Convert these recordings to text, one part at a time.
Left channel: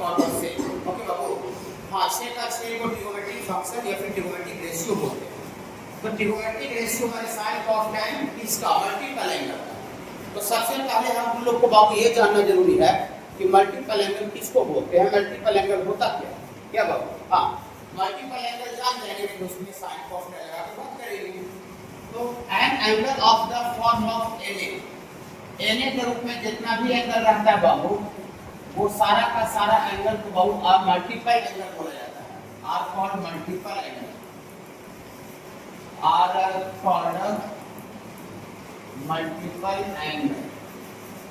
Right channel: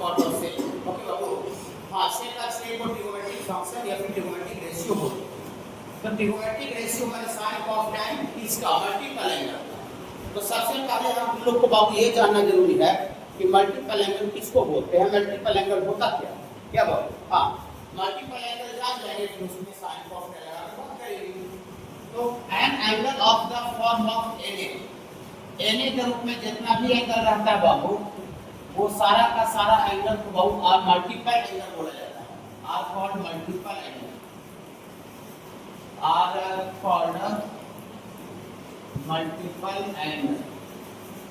Purpose से। Okay बाबू, हाँ छः का छः को ट्रिगोनोमेट्रिक फंक्शन या फिर ट्रिगोनोमेट्रिक रेशियो बोलते हैं। तो ट्रिगोनोमेट्रिक रेशियो माने साइन कॉस टैन किसका, मल्टीपल एंगल का। तो सबसे पहले हम लोग को बाबू ये जानना जरूरी है कि मल्टीपल एंगल किसको बोलते हैं, मल्टीपल एंगल होता क्या बाबू। हाँ, मल्टीपल एंगल जान जाएंगे फिर उसमें साइन कॉस टैन लगा के बात करेंगे। तो an angle of the form of n A के रूप में जितना भी एंगल रहता है बाबू, वो सारा का सारा एंगल को बाबू आर मल्टीपल एंगल बोला जाता है। Are called multiple angle, are called multiple angle.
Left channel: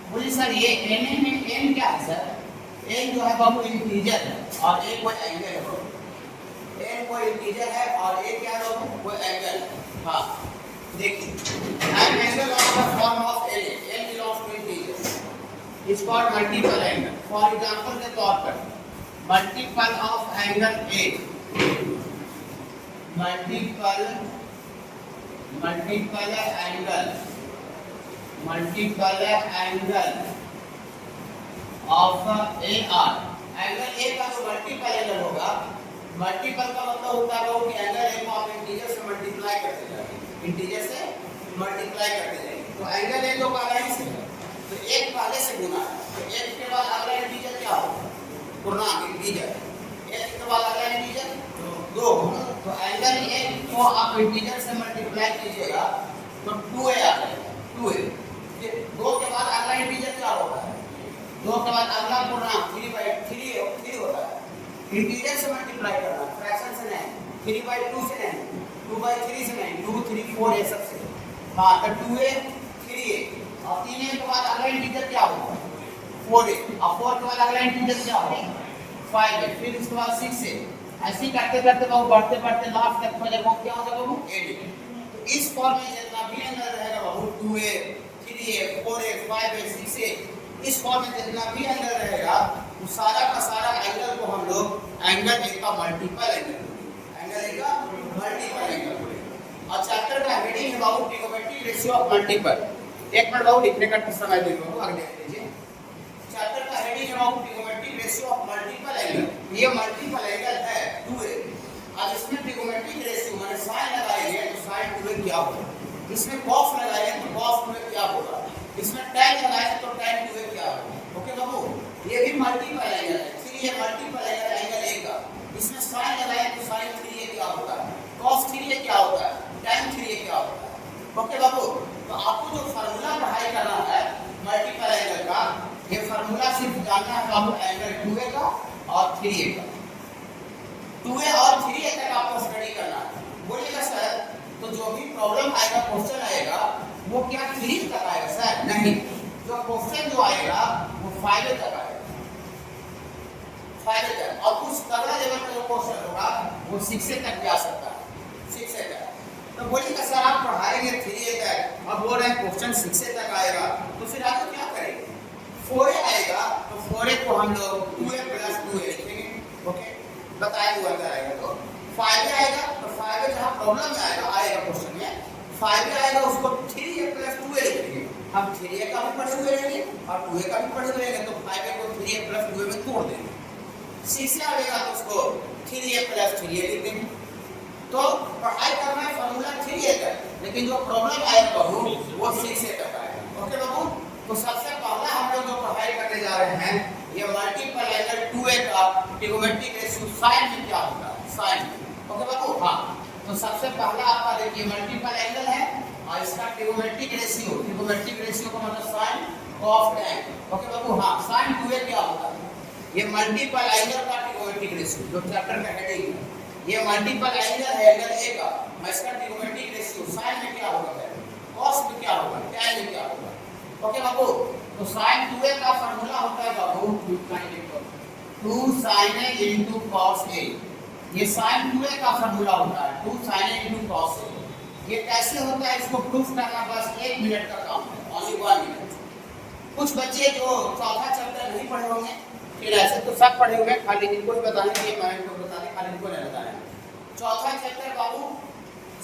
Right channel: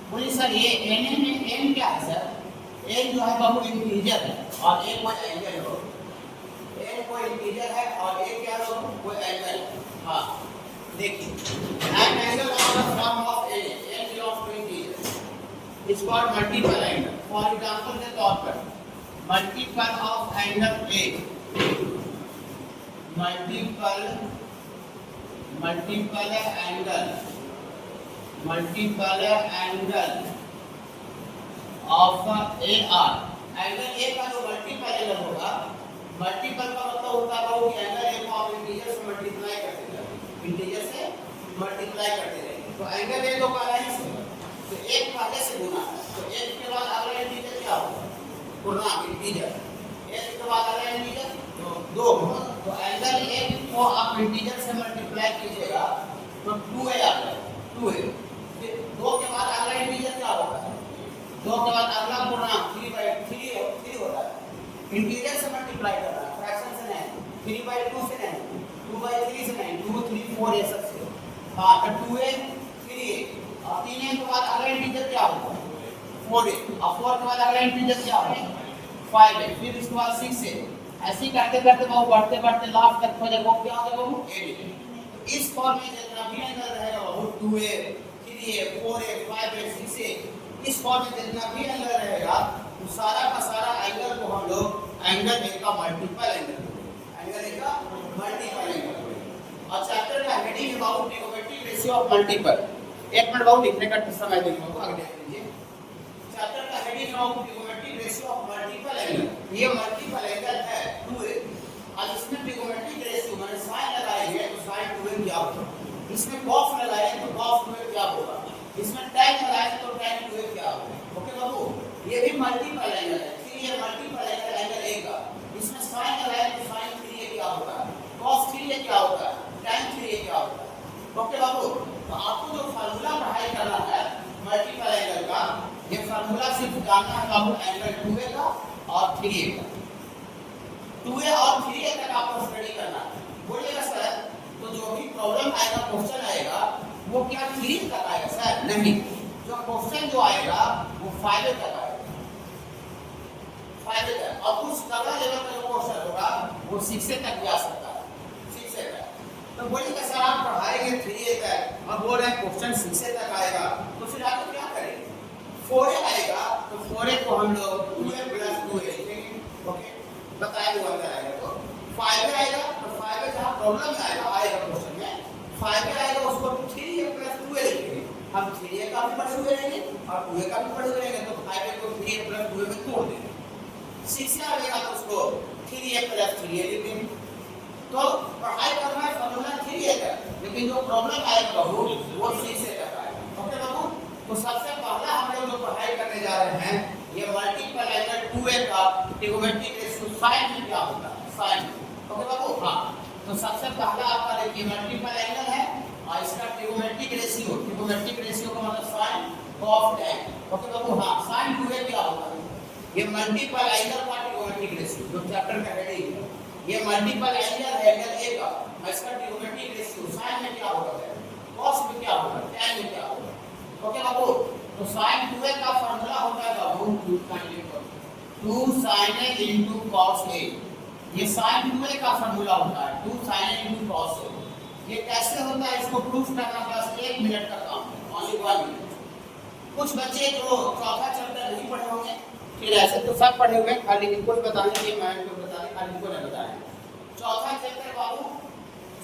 बोलिए सर ये एन ए में एन क्या है सर, एन जो है बाबू इंटीजर है और ए कोई एंगल है बाबू। एन कोई इंटीजर है और ए क्या है बाबू, कोई एंगल है। हाँ देखिए, an angle of the form of n A belongs to integer is called multiple angle. For example के तौर पर multiple of angle A, multiple angle of A are. Angle A का जो मल्टीपल एंगल होगा, multiple का मतलब होता है वो कि एंगल ए को आप इंटीजर से मल्टीप्लाई करते जाएंगे, इंटीजर से मल्टीप्लाई करते जाएंगे। तो एंगल ए को पहले ही से तो एक पहले से गुना है, तो एक के बाद अगला इंटीजर क्या होगा, पूर्णांक इंटीजर। एक के बाद अगला इंटीजर तो 2। तो एंगल ए को आप इंटीजर से मल्टीप्लाई कीजिएगा तो 2a आ जाएगा, 2a। फिर 2 के बाद अगला इंटीजर क्या होगा, 2 के बाद अगला पूर्णांक 3/3 होता है। इंटीजर से मल्टीप्लाई करना, फ्रैक्शन से नहीं, 3/2 से नहीं, 2/3 से नहीं, 2 3 4 ये सब से। हाँ तो 2a 3a और 3a के बाद अगला इंटीजर क्या होगा, 4a और 4 के बाद अगला इंटीजर क्या होगा, 5a। फिर उसके बाद 6a। ऐसे ही करते करते बाबू बढ़ते बढ़ते लास्ट तक हो जाएगा, वो क्या होगा बाबू, 8a। तो इस फॉर्म में जितना भी एंगल रहेगा बाबू, 2a 3a 4a 5a 6a, इस फॉर्म में जितना भी एंगल रहेगा वो सारा का सारा एंगल को हम लोग एंगल ए का मल्टीपल एंगल, एंगल ए का मल्टीपल एंगल। और चैप्टर का हेडिंग है बाबू ट्रिगोनोमेट्रिक रेशियो ऑफ मल्टीपल। एक मिनट बाबू लिखने का समय देंगे बाबू, आगे देख लीजिए। चैप्टर का हेडिंग है बाबू trigonometric ratio of multiple angle. ये मल्टीपल एंगल है 2a। अब इसमें ट्रिगोनोमेट्रिक रेशियो माने साइन लगाएंगे तो साइन 2a क्या होगा, इसमें cos लगाएंगे तो cos 2a क्या होगा, इसमें tan लगाएंगे तो tan 2a क्या होगा। ओके बाबू, ये भी मल्टीपल एंगल है। ठीक है, ये मल्टीपल एंगल ए का, इसमें sin लगाएंगे तो sin 3a क्या होगा, cos 3a क्या होगा, tan 3a क्या होगा। ओके बाबू, तो आपको जो फार्मूला पढ़ाई करना है मल्टीपल एंगल का, ये फार्मूला सिर्फ जानना है बाबू एंगल 2a का और 3a का। 2a और 3a तक आपको स्टडी करना है। बोलिएगा सर तो जो भी प्रॉब्लम आएगा, क्वेश्चन आएगा, वो क्या 3 तक आएगा सर, नहीं, जो क्वेश्चन जो आएगा वो 5 तक आएगा, 5 तक। और कुछ तगड़ा लेवल का जो क्वेश्चन होगा वो 6 तक जा सकता है, 6 तक। तो बोलिएगा सर आप पढ़ाएंगे 3 तक, अब बोल रहे हैं क्वेश्चन 6 तक आएगा, तो फिर आगे क्या करेंगे, 4 आएगा तो 4 को हम लोग 2a + 2a लिखेंगे। ओके, बताएंगे वो अंदर आएगा तो 5 आएगा, तो 5 जहाँ प्रॉब्लम में आएगा क्वेश्चन में 5 आएगा, उसको 3a + 2a लिखेंगे। हम 3a का भी पढ़े हुए रहेंगे और 2a का भी पढ़े हुए रहेंगे, तो 5a को 3a + 2a में तोड़ देंगे। 6 आएगा तो उसको 3a + 3a लिख देंगे। तो पढ़ाई करना है फार्मूला 3a तक, लेकिन जो प्रॉब्लम आएगा बाबू वो 6a तक आएगा। ओके बाबू, तो सबसे पहला हम लोग जो पढ़ाई करने जा रहे हैं ये मल्टीपल एंगल 2a का ट्रिगोनोमेट्रिक रेशियो साइन में क्या होगा, साइन। ओके बाबू, हाँ तो सबसे पहला आपका देखिए मल्टीपल एंगल है और इसका ट्रिगोनोमेट्रिक रेशियो का मतलब साइन कॉस टैन। ओके बाबू, हाँ साइन 2a क्या होता है, ये मल्टीपल एंगल का ट्रिगोनोमेट्रिक रेशियो जो चैप्टर का हेडिंग है, ये मल्टीपल एंगल है एंगल ए का, इसका ट्रिगोनोमेट्रिक रेशियो साइन में क्या होगा, कॉस में क्या होगा, टैन में क्या होगा। ओके बाबू, तो sin 2a का फार्मूला होता है बाबू 2 sin a into cos a। ये sin 2a का फार्मूला होता है 2 sin a into cos a। ये कैसे होता है इसको प्रूफ करना बस 1 मिनट का काम है, ओनली 1 मिनट। कुछ बच्चे जो चौथा चैप्टर नहीं पढ़े होंगे, फिर ऐसे तो सब पढ़े हुए, खाली इनको ही बताने के लिए मैं इनको बता दें, खाली इनको नहीं बताया। चौथा चैप्टर बाबू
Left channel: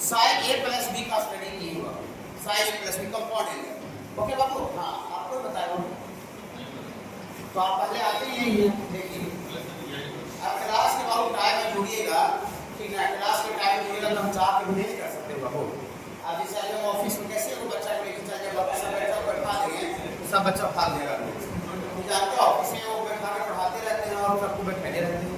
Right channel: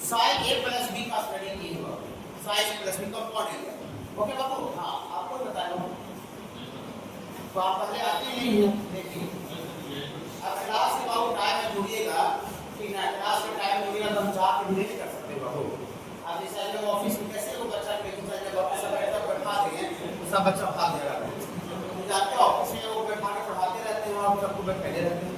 sin a + b का स्टडी की हुआ, sin a + b compound angle. Okay बाबू, हाँ आपको बताया तो आप पहले आते ही नहीं है, देखिए सब बच्चा भाग जाएगा। जानते हो ऑफिस में वो बैठा के पढ़ाते रहते हैं और सबको बैठे रहते हैं,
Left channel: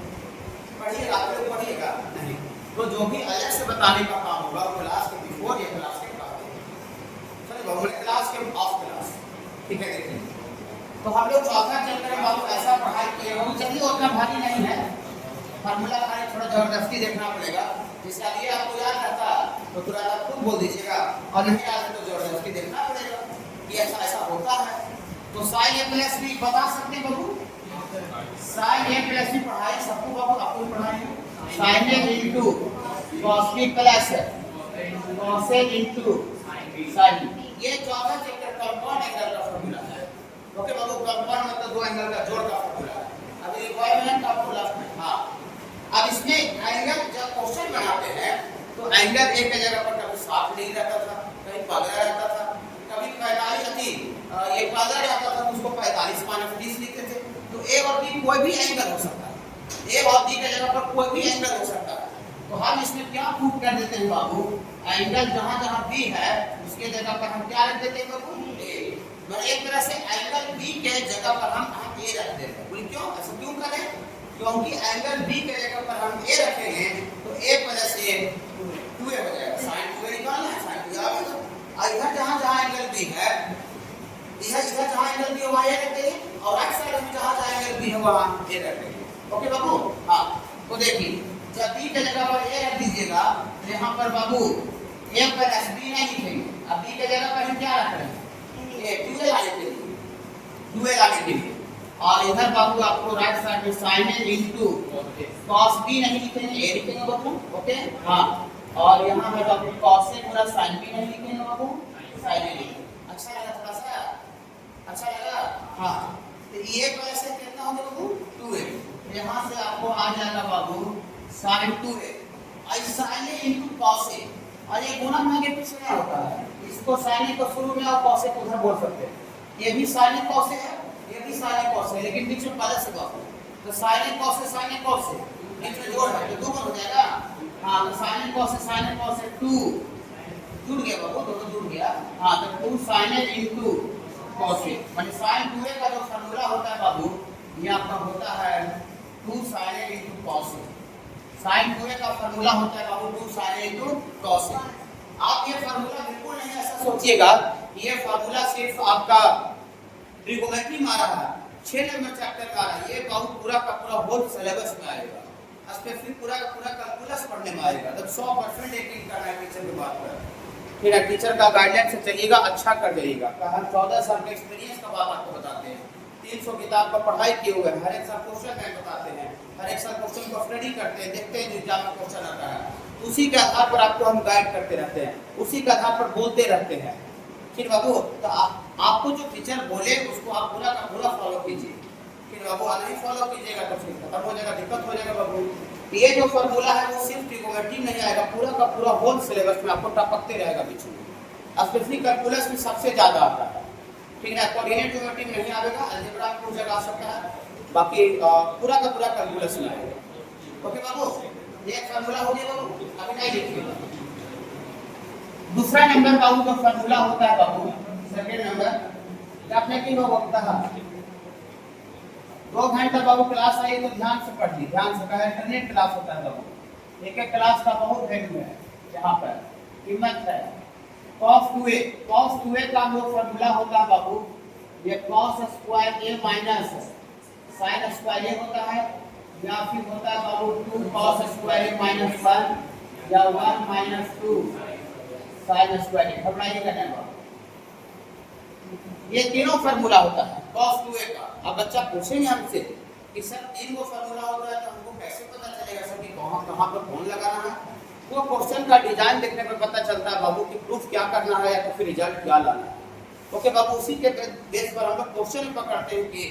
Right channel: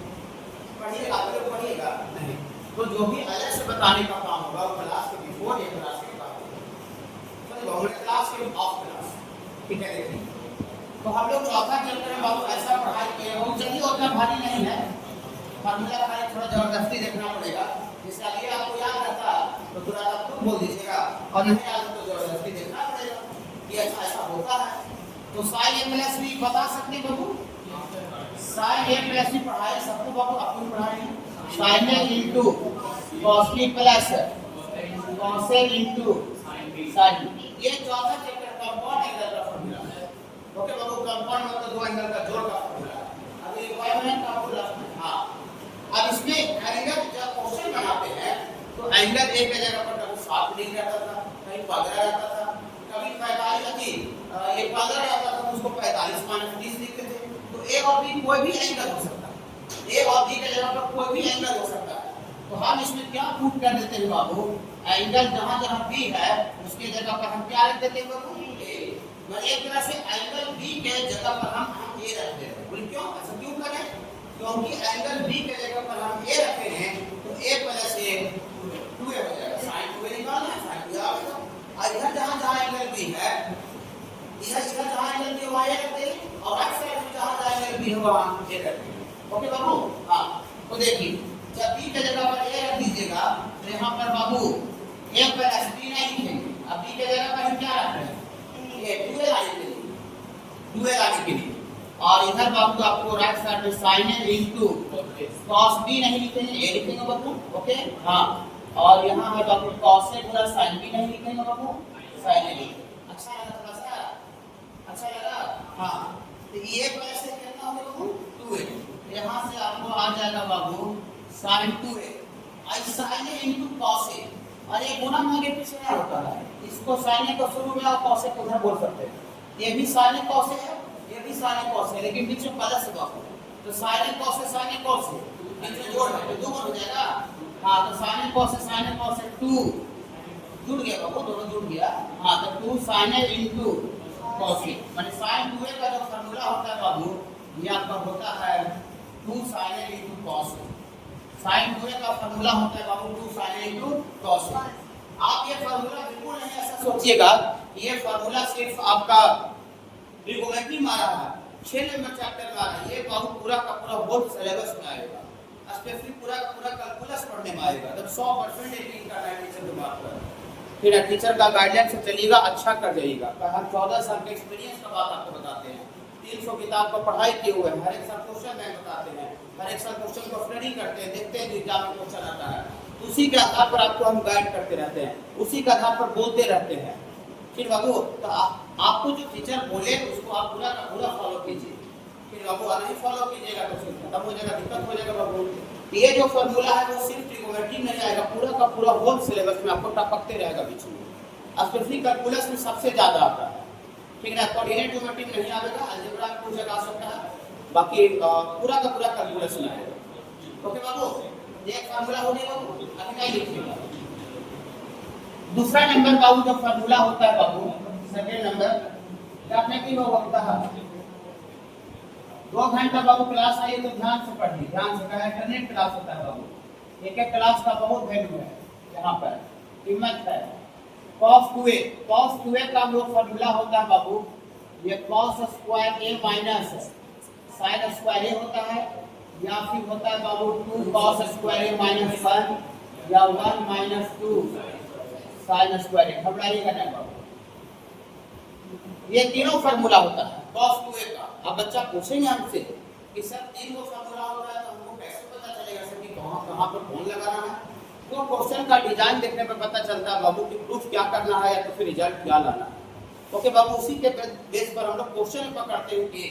पढ़िएगा तो पढ़िएगा नहीं, तो जो भी अलग से बताने का काम होगा क्लास के बिफोर या क्लास के बाद, चलो क्लास के ऑफ क्लास, ठीक है। देखिए तो हम लोग चौथा चैप्टर में बाबू ऐसा पढ़ाई किए हो, चलिए उतना भारी नहीं है, फार्मूला खाली थोड़ा जबरदस्ती देखना पड़ेगा, जिसका लिए आपको याद रहता तो तुरंत आप खुद बोल दीजिएगा, और नहीं याद तो जबरदस्ती देखना पड़ेगा कि ऐसा ऐसा होता है। तो साइन ए प्लस बी बता सकते बाबू, साइन ए प्लस बी पढ़ाई सबको बाबू, आपको पढ़ाई sine A into cos b plus cos a into sin b, ये चौथा चैप्टर कंपाउंड एंगल का फार्मूला है। ओके बाबू, कंपाउंड मतलब दो एंगल का जोड़ का फार्मूला है। अब ये इक्विवेलेंट का फार्मूला, हां अब इसमें एंगल जब क्वेश्चन बनाते हैं तो एंगल एक जगह पर कभी 60 डिग्री रहता था, कभी 15 रहता था, कभी 45 थी, ये 15 रहता था तो उसको 45 माइनस 20 लिखते थे। तो ए और बी कोई भी एंगल हो सकता है, ए और बी के जगह पर कोई भी एंगल हो सकता है। तो हम इसमें क्या प्रूव कर देते हैं बाबू, एंगल जहां जहां बी है उसके जगह पर हम क्या रख देते हैं बाबू, ए। मतलब एक तरह से एंगल बी के जगह पर हम ए रख देते हैं। बोलिए क्यों, ऐसा क्यों करें, क्योंकि एंगल बी के जगह पर हम ए रखेंगे तो ए प्लस ए 2a हो जाएगा, sin 2a निकालना है, sin 2a आएगा। और इधर जहां जहां एंगल बी है, इधर जहां एंगल बी है वहां ए रख देंगे, और राइट साइड में जहां जहां एंगल बी है वहां ए रख देंगे। ओके बाबू, हां तो देखिए जब बी के जगह पर ए रख दीजिएगा तो यहाँ पर बाबू ए प्लस बी नहीं लिखेंगे, अब बी के जगह पर हम क्या रख रहे हैं, ए 2a लाने के लिए, 2a लाने के लिए। और इधर बाबू आपको राइट साइड में sin a into cos b नहीं लिखेंगे, ए लिखेंगे बाबू। ओके हाँ, और यहाँ है बाबू cos a Guna sin b नहीं लिखेंगे बाबू, sin a लिखेंगे। अच्छा लगा, थोड़ा सा अच्छा लगा, हाँ। तो ये प्लस से कितना हो गया बाबू 2a, यहाँ से आपको आ जाएगा बाबू sin 2a, और sin a into cos a, और ये गुणन है के पीछे क्या होता है, इसको sin a को शुरू में और cos a को उधर बोल सकते हैं, ये भी sin a cos a है, ये भी sin a cos a, लेकिन बीच में प्लस है बाबू, तो sin a cos a बीच में जोड़ है तो 2 हो जाएगा। हाँ तो sin a cos a 2 जुड़ गया बाबू, दोनों जुड़ गया। हाँ तो 2 sin a into cos a, माने sin 2a का जो फार्मूला होता है बाबू, ये आपका होता है 2 sin a into cos a। sin 2a का फार्मूला होता है बाबू 2 sin a into cos a। आप ये फार्मूला बिल्कुल नहीं ऐसा सोचिएगा, ये फार्मूला सिर्फ आपका ट्रिगोनोमेट्री में आ रहा है, 6 नंबर चैप्टर में आ रहा है, ये बाबू पूरा का पूरा होल सिलेबस में आएगा, स्पेशली पूरा का पूरा कैलकुलस पढ़ने में आएगा। जब 100% एक का टीचर की बात करें, फिर टीचर का गाइडलाइन से चलिएगा, अच्छा कर जाइएगा। हम 14 साल के एक्सपीरियंस का बात आपको बताते हैं, 300 किताब का पढ़ाई किए हुए हैं, हर एक साल क्वेश्चन बैंक बताते हैं, हर एक साल क्वेश्चन को स्टडी करते हैं, देखते हैं एग्जाम में क्वेश्चन आता है, उसी के आधार पर आपको हम गाइड करते रहते हैं, उसी के आधार पर बोलते रहते हैं। फिर बाबू तो आपको जो टीचर बोले उसको आप पूरा का पूरा फॉलो कीजिए, फिर बाबू नहीं फॉलो कीजिएगा तो फिर खत्म हो जाएगा, दिक्कत हो जाएगा बाबू। ये जो फॉर्मूला है वो सिर्फ ट्रिगोनोमेट्री नहीं आएगा, पूरा का पूरा होल सिलेबस में आपको टपकते रहेगा बीच में, स्पेशली कैलकुलस में सबसे ज्यादा आता है, ठीक है ना। कोऑर्डिनेट ज्योमेट्री में नहीं आएगा, अलजेब्रा में कुछ जगह आ सकता है, बाकी पूरा का पूरा कैलकुलस में आएगा। ओके बाबू, ये फार्मूला हो गया बाबू, अभी नहीं लिखिएगा। दूसरा नंबर बाबू जो फार्मूला होता है बाबू, सेकंड नंबर आपने की होता है 2 घंटा बाबू क्लास आई तो ध्यान से पढ़िए, ध्यान से, इंटरनेट क्लास होता है बाबू, एक एक क्लास का बहुत वैल्यू है, यहाँ पर कीमत है। cos 2a का जो फार्मूला होता है बाबू, ये cos square a minus sin square a होता है, या फिर होता है बाबू 2 cos स्क्वायर a माइनस 1, या 1 माइनस 2 sin स्क्वायर a। घबराइएगा नहीं बाबू, ये तीनों फार्मूला होता है cos 2a का। अब बच्चा पूछेंगे हमसे कि सर 3 को फार्मूला होता है तो हमको कैसे पता चलेगा सर कि कहां पर कौन लगाना है? वो क्वेश्चन का डिजाइन देखने पर पता चलता है बाबू कि प्रूफ क्या करना है या तो फिर रिजल्ट क्या लाना है। ओके बाबू, उसी के बेस पर हम लोग क्वेश्चन पकड़ते हैं कि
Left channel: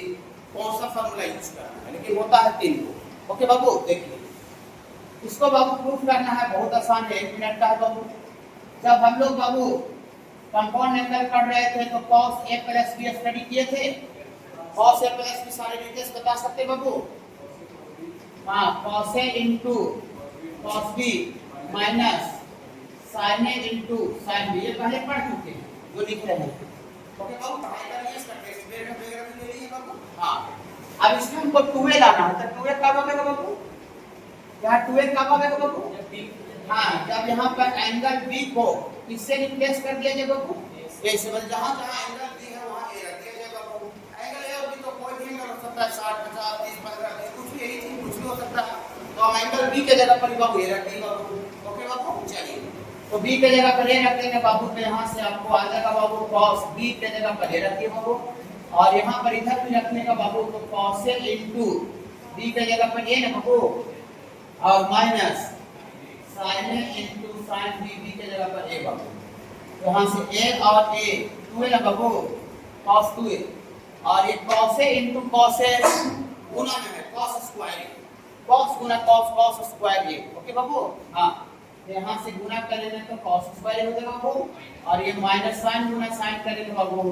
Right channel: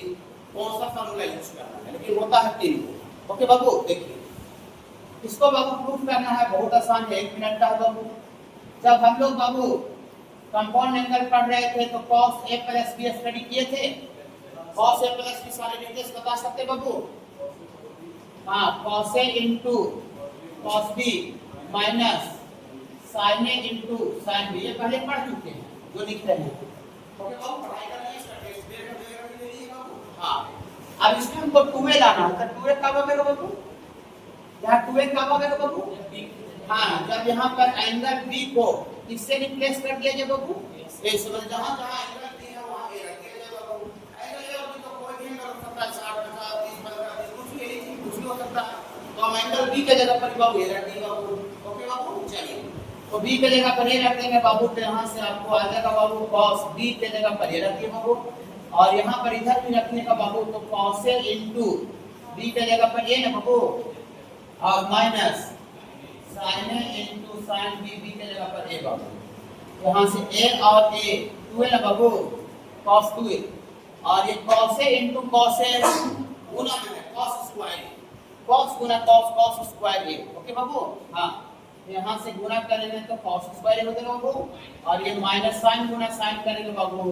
कौन सा फार्मूला यूज करना है, लेकिन होता है 3 को। ओके बाबू, देखिए इसको बाबू प्रूफ करना है, बहुत आसान है, 1 मिनट का है बाबू। जब हम लोग बाबू कंपाउंड एंगल पढ़ रहे थे तो cos a plus b study किए थे, cos a प्लस b सारे डिटेल्स बता सकते बाबू? हाँ, cos a into cos b minus sin a into sin b, ये पहले पढ़ चुके हैं जो लिख रहे हैं। ओके बाबू, पढ़ाई करनी है, इसका टेस्ट हाँ, अब इसमें हमको 2a लाना है, तो 2a कब आएगा बाबू? यहाँ 2a कब आएगा बाबू? हाँ, जब यहाँ पर एंगल B को किससे रिप्लेस कर दिया जाए बाबू? ए से, मतलब जहाँ जहाँ एंगल B है वहाँ A रख दिया जाए बाबू। एंगल A और B तो कोई भी एंगल हो सकता है, 60, 50, 30, 15, 20, कुछ भी, यही चीज कुछ भी हो सकता है। तो हम एंगल B के जगह पर बाबू A रख देंगे बाबू। ओके बाबू, चलिए, तो B के जगह पर A रख देंगे बाबू, तो यहाँ से आपको आ जाएगा बाबू cos B के जगह पर A रखिए बाबू, और यहाँ पर इधर भी रखने का बाबू, तो cos A इंटू B के जगह पर A ना बाबू, और minus sin A into sin B के जगह पर A बाबू। तो यहाँ से A और A 2A ना बाबू, cos 2A, और ये cos A into cos A गुना में है, cos स्क्वायर, cos गुना cos, cos square A। Okay बाबू, हाँ, यहाँ से गुना करेंगे तो cos स्क्वायर हो जाएगा बाबू, और ये माइनस sin गुना sin करेंगे बाबू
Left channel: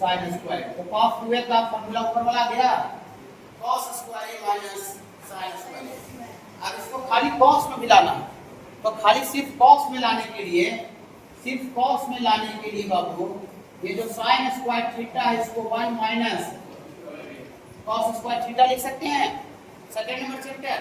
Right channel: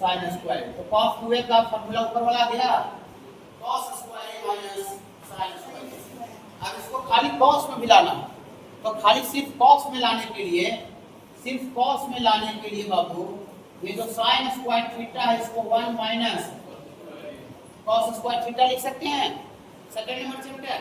sin स्क्वायर। तो cos 2A का फॉर्मूला ऊपर वाला आ गया, cos square minus sin square. अब इसको खाली cos में मिलाना है, तो खाली सिर्फ cos में लाने के लिए, सिर्फ cos में लाने के लिए बाबू, ये जो sin स्क्वायर थीटा है इसको 1 माइनस cos स्क्वायर थीटा लिख सकते हैं। सेकंड नंबर चैप्टर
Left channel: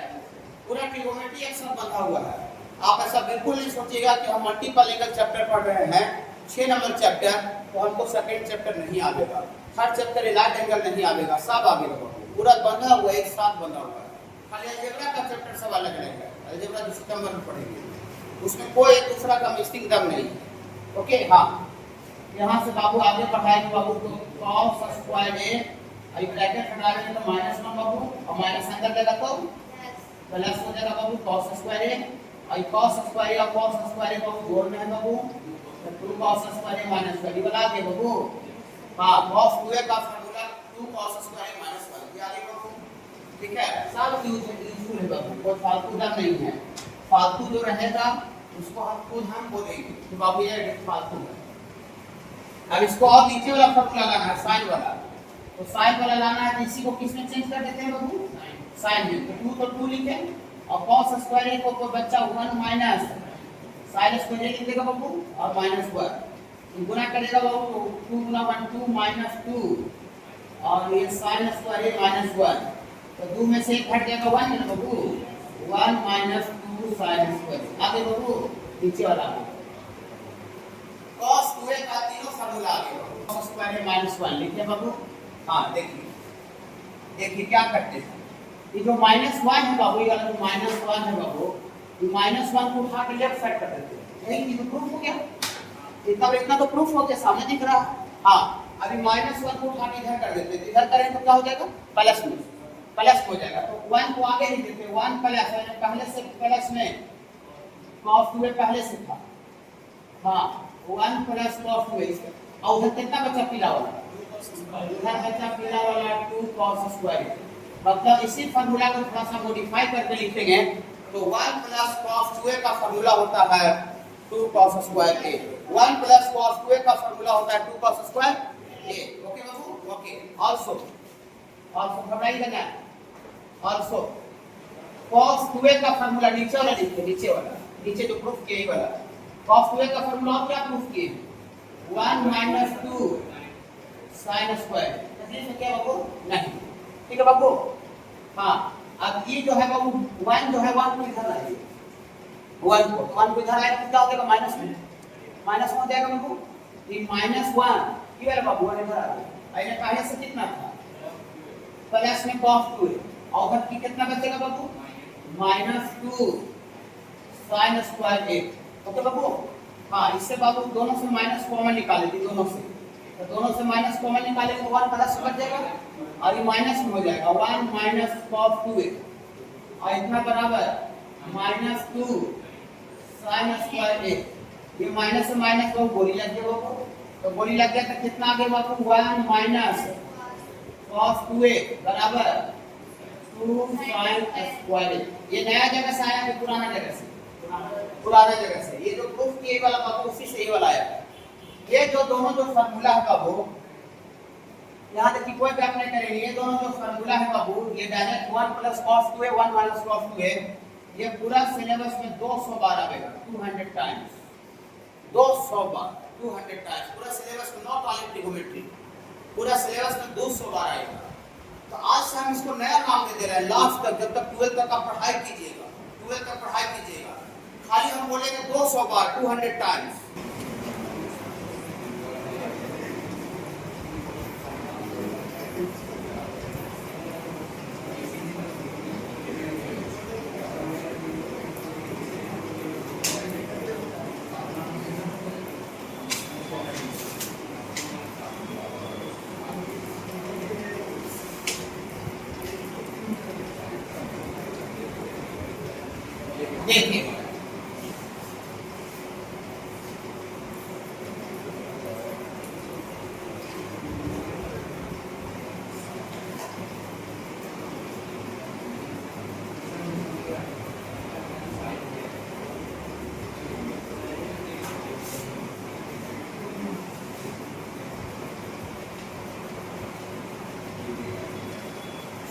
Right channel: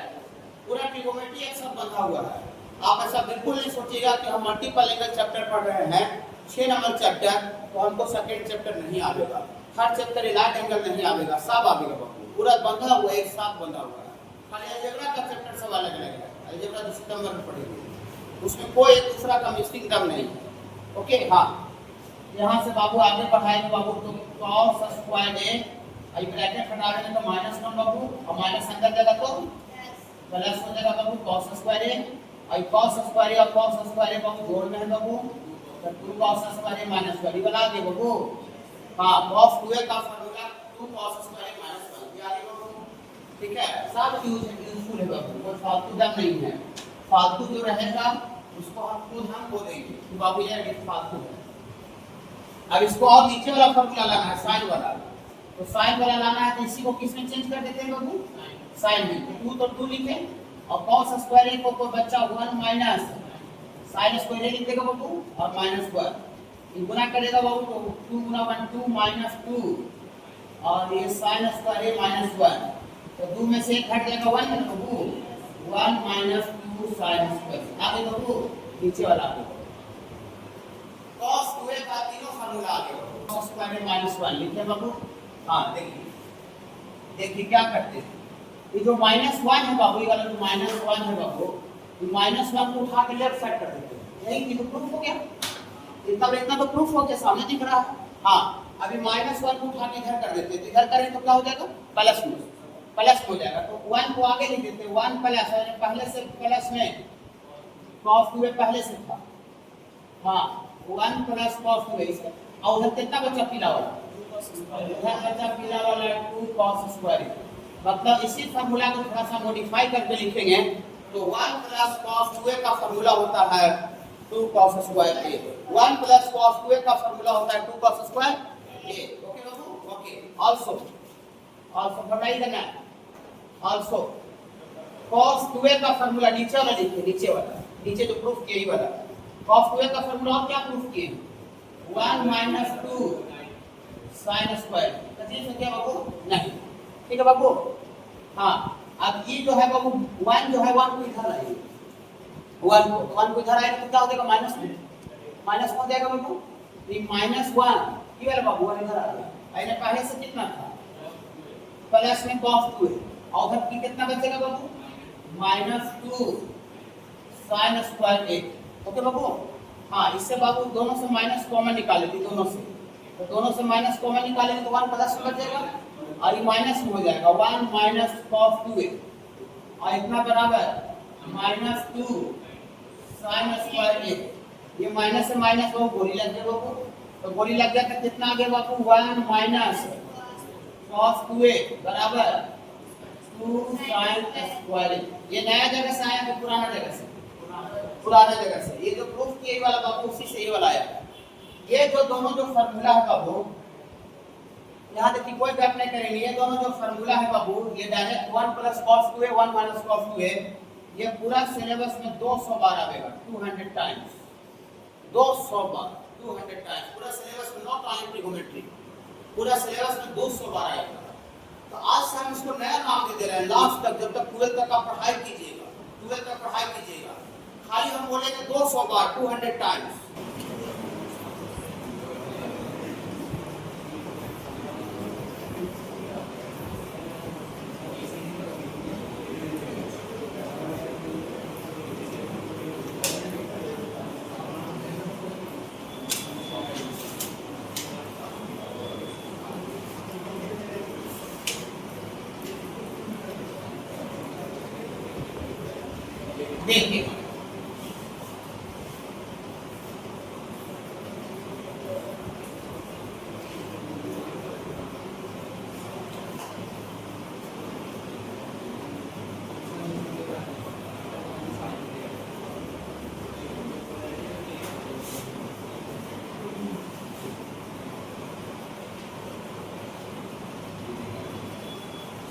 पूरा ट्रिगोनोमेट्री एक साथ बंधा हुआ है। आप ऐसा बिल्कुल नहीं सोचिएगा कि हम मल्टीपल एंगल चैप्टर पढ़ रहे हैं 6 नंबर चैप्टर, तो हमको सेकंड चैप्टर नहीं आवेगा, थर्ड चैप्टर इलाइट एंगल नहीं आवेगा, सब आवेगा बाबू, पूरा बंधा हुआ है, एक साथ बंधा हुआ है। खाली अलजेब्रा का चैप्टर सब अलग अलग है, अलजेब्रा 2 सितंबर में पढ़ेंगे, उसमें कोई एक दूसरा का मिक्सिंग टर्म नहीं है। ओके, हाँ, यहाँ से बाबू आगे बढ़ाएंगे बाबू, तो cos स्क्वायर A, अभी ब्रैकेट हटा देंगे तो -1 बाबू, और माइनस अंदर जाएगा तो प्लस हो जाएगा बाबू cos स्क्वायर A, और cos स्क्वायर A और cos स्क्वायर A बाबू जोड़ में है बाबू, तो 2 cos स्क्वायर A माइनस 1 बना दिए बाबू। हाँ, cos 2A का formula 2 cos square A minus 1 आ गया बाबू, ठीक है, सब यूजफुल है बाबू, कोई फालतू दम नहीं है, फालतू जो रहेगा उसको हम खुद हम बोलेंगे कि बाबू ये फालतू है। अब इसको और नीचे वाला फॉर्मूला लाना है, साइन वाला, तो साइन वाला लाना है, तो इसी को किस में चेंज कर देते हैं बाबू? साइन में, तो 2 तो 2 लिखे, और cos स्क्वायर A को तो बच्चा 1 माइनस sin स्क्वायर A लिख देगा बाबू, और -1 गुना करेगा बाबू, तो 2 गुना 1 2 माइनस 2, और ये sin स्क्वायर A -1, तो 2 में से 1 हट जाएगा 1 है ना बाबू, 1 माइनस 2 sin स्क्वायर। आगे बाबू नीचे वाला आगे cos 2A का तीनों फार्मूला आ गया, cos स्क्वायर A -1 लिखे बाबू। हाँ, देखिए देखिए क्या करते हैं, ये जो -1 है बाबू, ये वाला जो -1 है बाबू, ये -1 को उठा के लेफ्ट साइड कर देते हैं, यही तो प्रूफ हो गया, इतना तो प्रूफ हो गया, सामने दिख रहा है। हाँ, अभी -1 को उठा के इधर कर देते हैं, इधर करें तो क्या हो जाएगा? प्लस में, प्लस हो जाएगा, तो 1 को आगे लिख देते हैं, 1 प्लस है, पहले से प्लस में cos 2A पहले से था। हाँ, 1 प्लस cos 2A, और उधर कितना बचा पीला वाला? इधर बचा पीला वाला 2 cos स्क्वायर, मतलब इसी फार्मूला को थोड़ा सा मॉडिफाई करके लिखेंगे, तो 1 प्लस cos 2A का फार्मूला होता है 2 cos square A, 1 plus cos 2A का फार्मूला होता है 2 cos स्क्वायर A। ओके बाबू, ओके। आल्सो घबराइएगा ना, आल्सो cos 2A का फार्मूला नीचे वाला लिखिए, नीचे वाला, नीचे जो प्रूफ किए ही वाला cos 2A का फार्मूला और क्या प्रूफ किए? 1 माइनस 2 sin स्क्वायर, समझिए क्या बाबू? नहीं, ठीक है बाबू। हाँ, अब ये जो है बाबू 1 जो है 1 को इधर लाइए, 1 को इधर आएगा तो क्या हो जाएगा? माइनस में हो जाएगा बाबू, ये -1 ये वाला बाबू इधर आ गया, पहले पहले से कितना था? प्लस में cos 2A, और उधर की कितना बचेगा बाबू? -2 sin स्क्वायर A। ओके बाबू, हाँ, इससे बाबू दोनों से माइनस कॉमन निकाले थे, दोनों से, तो दोनों से माइनस कॉमन निकालेंगे तो 1 प्लस में बच जाएगा, और ये माइनस में हो जाएगा 1 माइनस cos 2A, और इतना बराबर -2 sin स्क्वायर A। ये माइनस से माइनस को गोली लग गया बाबू, तो गोली लग गया तो कितना आ गया बाबू? 1 माइनस cos 2A बराबर 2 sin स्क्वायर A। ये नया जगह से आया कि पुराना जगह से? पुराना जगह से। ये जो प्रूफ किए वाला बाबू उसी से ये वाला आया। ये जो दोनों जो फार्मूला है बाबू, यहाँ देखिए कोई गैप नहीं करेंगे, ये दोनों जो फार्मूला है बाबू, ये direct 1 plus cos 2A 1 minus cos 2A, ये पूरा सिलेबस में 200 बार आएगा, 200 टाइम्स, 200 बार, 200 टाइम्स पूरा सिलेबस में, नॉट ओनली ट्रिगोनोमेट्री, पूरा सिलेबस में 200 बार आएगा। तो आज से हम इसको नया नाम दे रहे हैं, लास्ट तक जब तक 12 तक आप पढ़ाई कीजिएगा, 12 तक पढ़ाई कीजिएगा, खाली हम बोलेंगे 200 बार, 200 टाइम्स। देखिए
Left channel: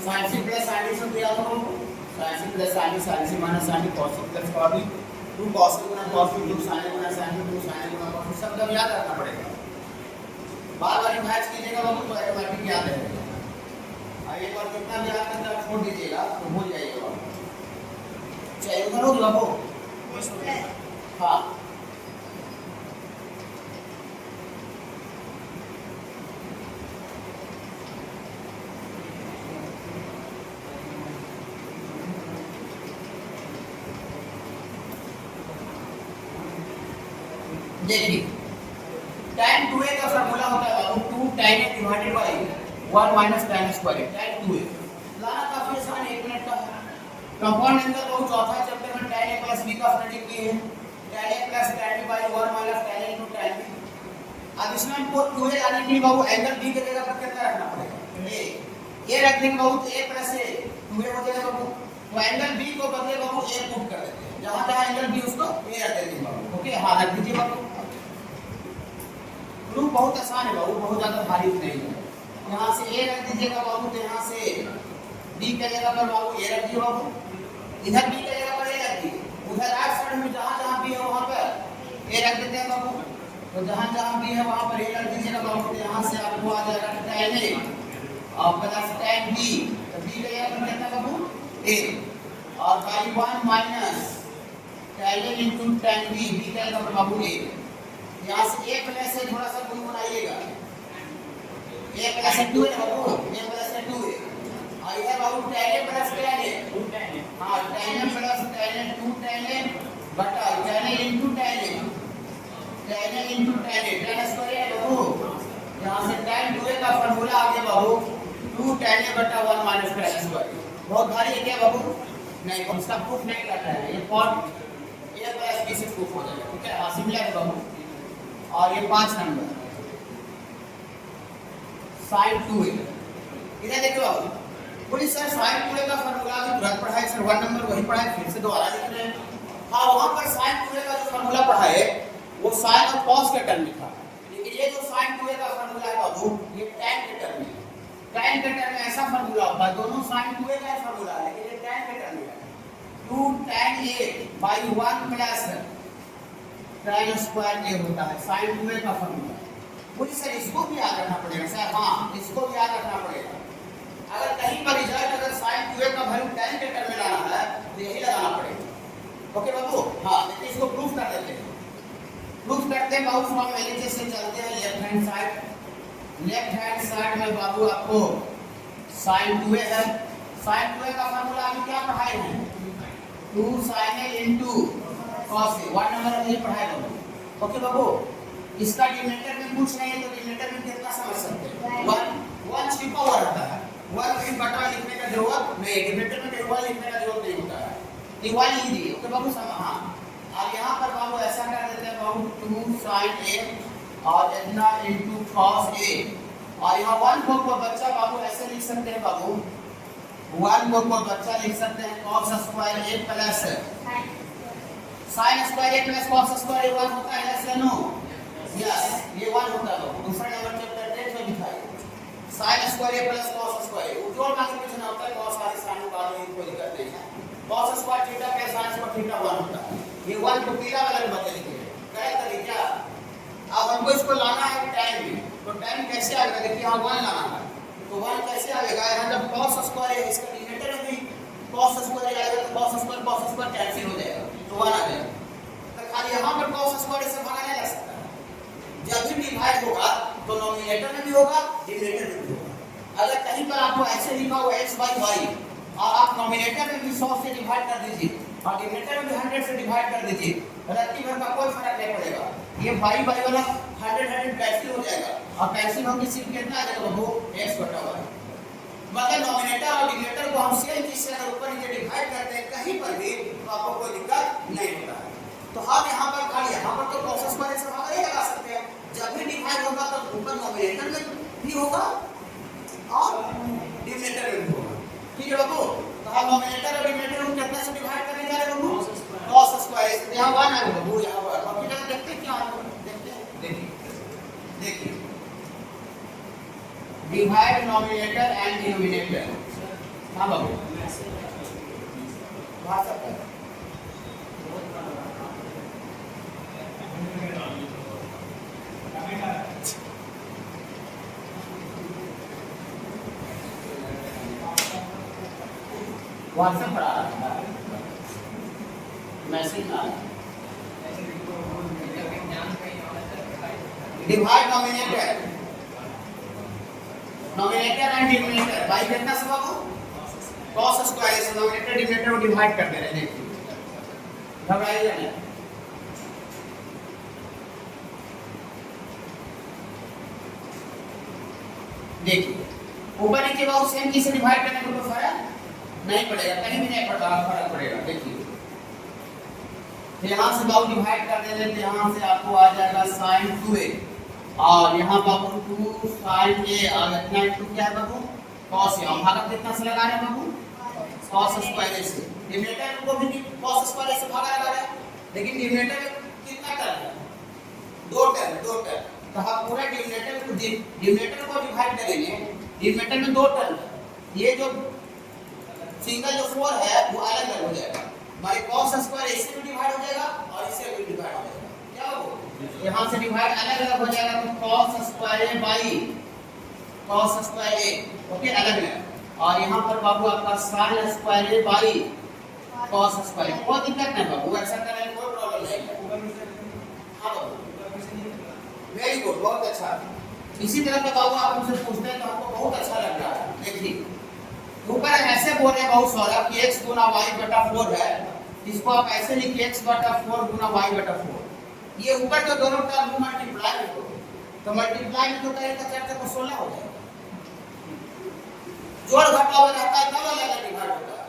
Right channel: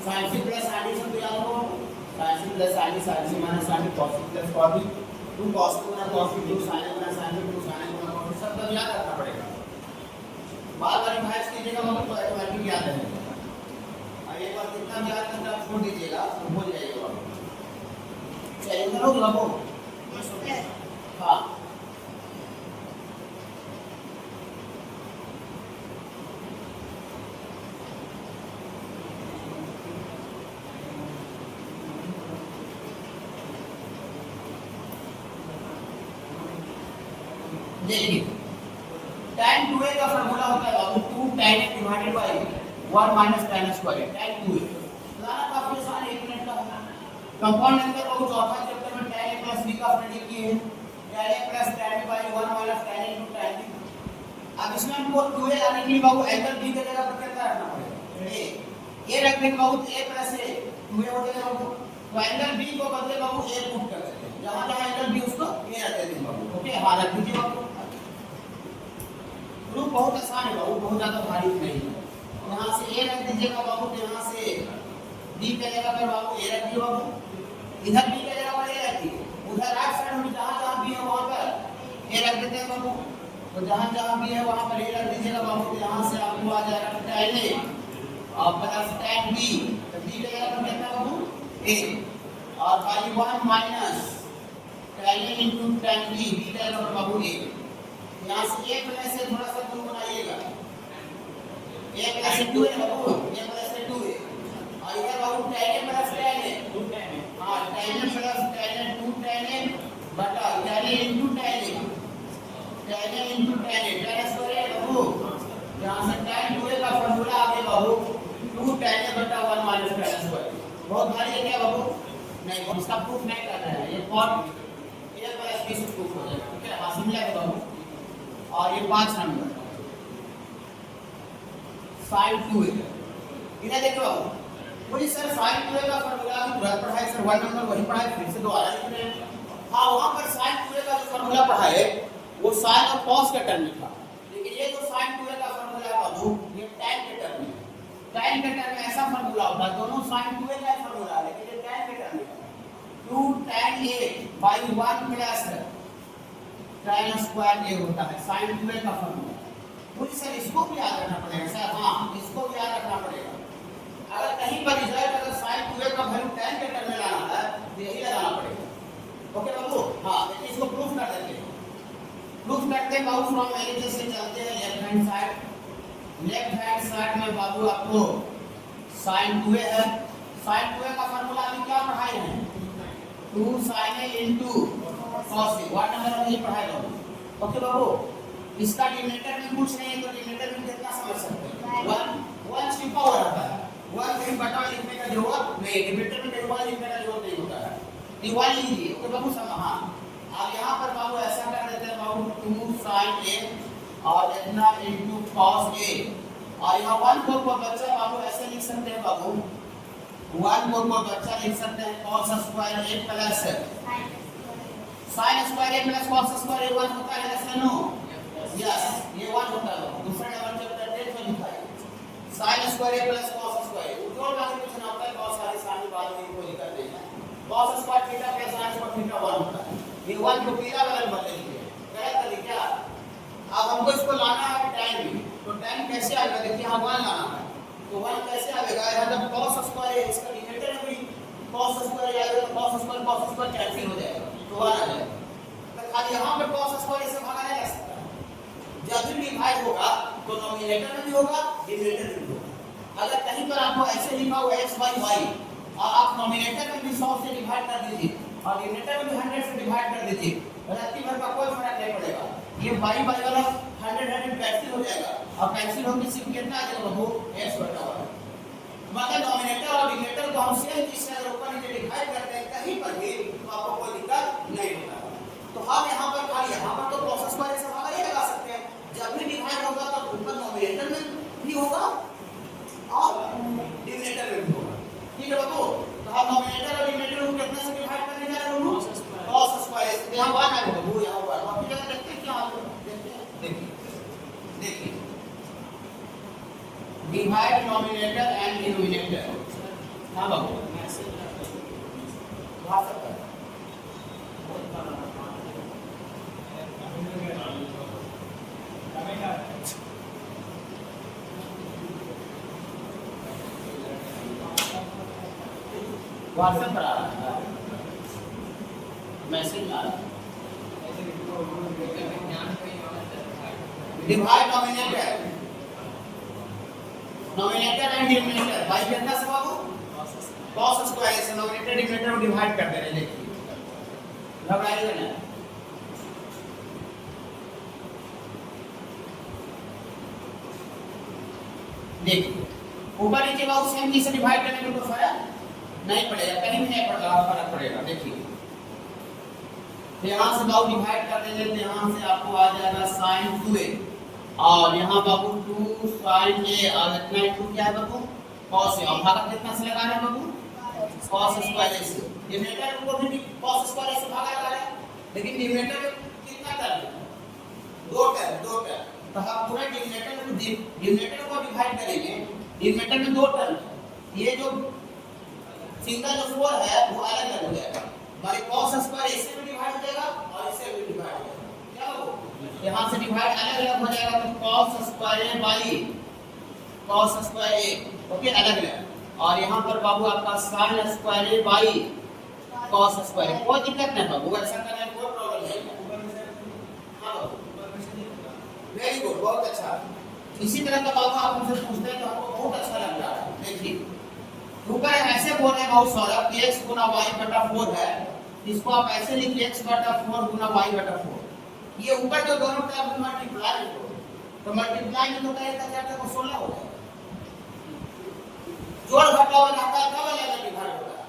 sin c plus sin d सब याद हो, sin c plus sin d, sin c minus sin d, cos c plus cos d, 2 cos c Guna cos d, 2 sin a Guna sin d, 2 sin a Guna cos d, सब याद रखना पड़ेगा। बार बार match कीजिएगा तो automatic याद रहेगा। और एक बार कितना भी याद करके आप छोड़ दीजिएगा तो हो जाएगा। चाहिए तो लोग लगो हाँ देखिए tan 2a का फार्मूला होता है बाबू 2 tan a divided by 1 minus tan square tan 2a लाना काफी आसान है, 1 मिनट का है। कंपाउंड एंगल बहुत चौथा चैप्टर में tan a प्लस b का प्रेडिक्ट किए हैं, tan a plus tan b by 1 minus tan a into tan b। अब इसमें हमको 2a लाने के लिए बाबू एंगल b के जगह पर कितना रखना पड़ेगा, a रख देंगे बाबू तो a प्लस a 2a हो जाएगा बाबू। तो एंगल b को बदले बाबू a पुट कर देते हैं, जहां जहां एंगल b उसको a रख देंगे बाबू। ओके हां रख दीजिए बाबू। प्रूफ बहुत आसान है बाबू, बहुत ज्यादा भारी नहीं है। यहाँ से a रख दीजिएगा बाबू, तो यहाँ से b के जगह पर बाबू a रख दिए बाबू, इधर b के जगह पर a रख दिए, उधर राइट साइड में जहाँ जहाँ b है वहाँ पर a रख देते हैं बाबू। तो जहाँ जहाँ b है वहाँ पर a रख दीजिएगा बाबू। तो यहाँ से आपको आ जाएगा tan a और प्लस tan b, तो b के जगह पर कितना बाबू a और by 1 minus tan a into tan b, b के जगह पर बाबू a। यहाँ से a प्लस से थोड़ा सा गुण बनाइएगा, a प्लस 2 है बाबू, a प्लस 2 है और इधर बाबू tan a plus tan a, हाँ tan a plus tan a 2 tan a बटा tan a into tan a, tan a into tan a, tan square है बाबू। यहाँ से tan 2a का फार्मूला आ गया बाबू 2 tan a बटा 1 माइनस tan स्क्वायर। बहुत भारी है क्या बाबू? नहीं, हम इसका प्रूफ नहीं करना है, ये पॉइंट a प्लस b से प्रूफ हो जाएगा। ठीक है, हाँ सिंपल है बाबू। और ये 5 नंबर sin 2a, इधर देखिए बाबू, बोलिए सर sin 2a का फार्मूला अभी तुरंत पढ़ाए सर, 1 नंबर वही पढ़ाए, फिर से दोबारा लिख रहे हैं। हाँ वहाँ पर sin 2a का जो फार्मूला पढ़ाए वो sin और cos के टर्म में था, लेकिन ये जो sin 2a का फार्मूला है बाबू ये tan के टर्म में है। tan के टर्म में ऐसा फार्मूला होता है, दोनों sin 2a का फार्मूला है लेकिन ये tan के टर्म में है। 2 tan a by 1 plus tan square a होता है sin 2a का फार्मूला। मुझे सर इसको भी याद रखना पड़ेगा सर, हाँ इसको भी याद रखना पड़ेगा। अगर कहीं पर रिजल्ट अगर sin 2a का वैल्यू tan के टर्म में लाना है तो यही लगाना पड़ेगा। ओके बाबू, हाँ देखिए इसको प्रूफ कर देते हैं। प्रूफ करते हैं बाबू, फ्रॉम एलएचएस से चलते हैं left hand side. Left hand side में बाबू आपको sin 2a है, sin 2a का फार्मूला अभी क्या पढ़ाए हैं 2 sin a into cos a, 1 number में ये पढ़ाए बाबू। ओके बाबू, इसका डिनोमिनेटर में कुछ नहीं है तो डिनोमिनेटर में कितना समझ सकते हैं 1 छिपा हुआ रहता है, 1 कहीं बटा लिखने का जरूरत नहीं, डिनोमिनेटर में कहीं 1 लिखने का जरूरत नहीं होता है, ये 1 लिख दिए। ओके बाबू समझ। हाँ अब यहाँ पर बाबू ऐसा कर देते हैं बाबू 2 sin a और इतना इनटू cos a, और यहाँ 1 को बच्चा बाबू ऐसे लिख सकते हैं बाबू, 1 को बच्चा लिख सकते हैं cos square a plus sin square a plus cos square a 1 होता है, यस या नो? यस, ये 1 होता है। दूसरा नंबर चैप्टर 10 में लिखा है sin square a plus cos square, Ujjwal का कुछ ना होता है, cos वाले sin बाद में कोई दिक्कत नहीं है। cos square theta plus sin square theta 1 होता है, ये 1 को पीला वाला बदल दीजिए क्या करें क्या। अब हमको इसको लाना है tan b, तो tan कैसे आएगा? देखिए यहाँ 1 लाना है, तो 1 कैसे आएगा? यहाँ जब cos स्क्वायर है, इसका डिनोमिनेटर में भी cos स्क्वायर आएगा, तो cos स्क्वायर कैंसिल हो जाएगा, तो 1 आ जाएगा। तो खाली यहाँ पर cos स्क्वायर से भागा नहीं जा सकता है। जब भी डिवाइड होगा तो नॉमिनेटर में भी होगा, डिनोमिनेटर में भी होगा। अगर कहीं पर आपको ऐसे लिखा हुआ x बाई वाई और आप नॉमिनेटर में भी 100 से डिवाइड कर दीजिए और डिनोमिनेटर में भी 100 से डिवाइड कर दीजिए, रात्रि भर का कोई फर्क नहीं पड़ेगा। ये वाई बाई वाला 100 कैंसिल हो जाएगा और कैंसिल होकर सिर्फ कितना आ जाएगा वो x बटा y। मतलब नॉमिनेटर और डिनोमिनेटर को हम सेम चीज से अगर ऊपर नीचे डिवाइड करते हैं कहीं पर भी तो आपको कोई दिक्कत नहीं होता है। तो हम यहाँ पर खाली यहाँ पर तो cos स्क्वायर से भागा नहीं लगा सकते हैं। जब भी डिवाइड होगा तो ऊपर नॉमिनेटर में भी होगा और डिनोमिनेटर में भी होगा। ठीक है बाबू, तो हम नॉमिनेटर और डिनोमिनेटर को कितना से डिवाइड करने जा रहे हैं बाबू? cos स्क्वायर से। यहाँ 1 आ बाबू, यहाँ 1 बाकी जगह देखते हैं क्या है, देखते हैं। देखिए डिवाइड नॉमिनेटर एंड डिनोमिनेटर। हाँ बाबू बाहर सकता है। व्हाट्सएप पर आ रहा है मैसेज आ रहा है। Divide nominator and denominator by कितना से बाबू? cos स्क्वायर से नॉमिनेटर डिनोमिनेटर को डिवाइड कर दे रहे हैं। देखिए घबराइए ना, देखिए ऊपर नीचे बाबू सेम चीज से डिवाइड करने में कोई फर्क नहीं पड़ेगा, कहीं भी नहीं पड़ेगा, फर्क पड़ेगा। देखिए तो यहाँ से बाबू डिवाइड कर देंगे तो यहाँ से आपको आ जाएगा sin 2a और यहाँ बाबू 2 sin a और इतना 2 क्या है बाबू? cos a। और भागा कितना से लगा रहे हैं बाबू? cos स्क्वायर से। डिनोमिनेटर को भी cos स्क्वायर से भागा लगा रहे हैं, लेकिन डिनोमिनेटर में कितना टर्म है? 2 टर्म। तो हम पूरा डिनोमिनेटर को डिवाइड करेंगे, डिनोमिनेटर में 2 टर्म है। ये जो सिंगल जो 4 है वो अलग अलग हो जाएगा, हमारे cos स्क्वायर इससे भी डिवाइड हो जाएगा और इससे भी डिवाइड हो जाएगा। क्या हो यहाँ से डिवाइड अलग अलग हो जाएगा, तो cos square by cos square a okay अलग अलग। और यहाँ पर बाबू आपका sin square by cos square. कोई दिक्कत नहीं बाबू, ऐसा करने में कोई प्रॉब्लम नहीं है। हाँ बाबू वेरी गुड, बहुत अच्छा। इसी तरह का बाबू आप मुझसे पूछते हैं तो हमको बहुत अच्छा लग रहा है। देखिए ऊपर ऐसे बोल रहे हैं बहुत सारा कि x गुना y बटा 4 है, इसको आप ऐसे लिखिए x बटा 4 गुना y बटा 4। ये ऊपर जो दोनों का मल्टीप्लाई में करो तो मल्टीप्लाई में तो करेगा 4 को 16 हो जाएगा। जोड़ घटाव हो जाता है क्या हो जाएगा? डिवाइड होता है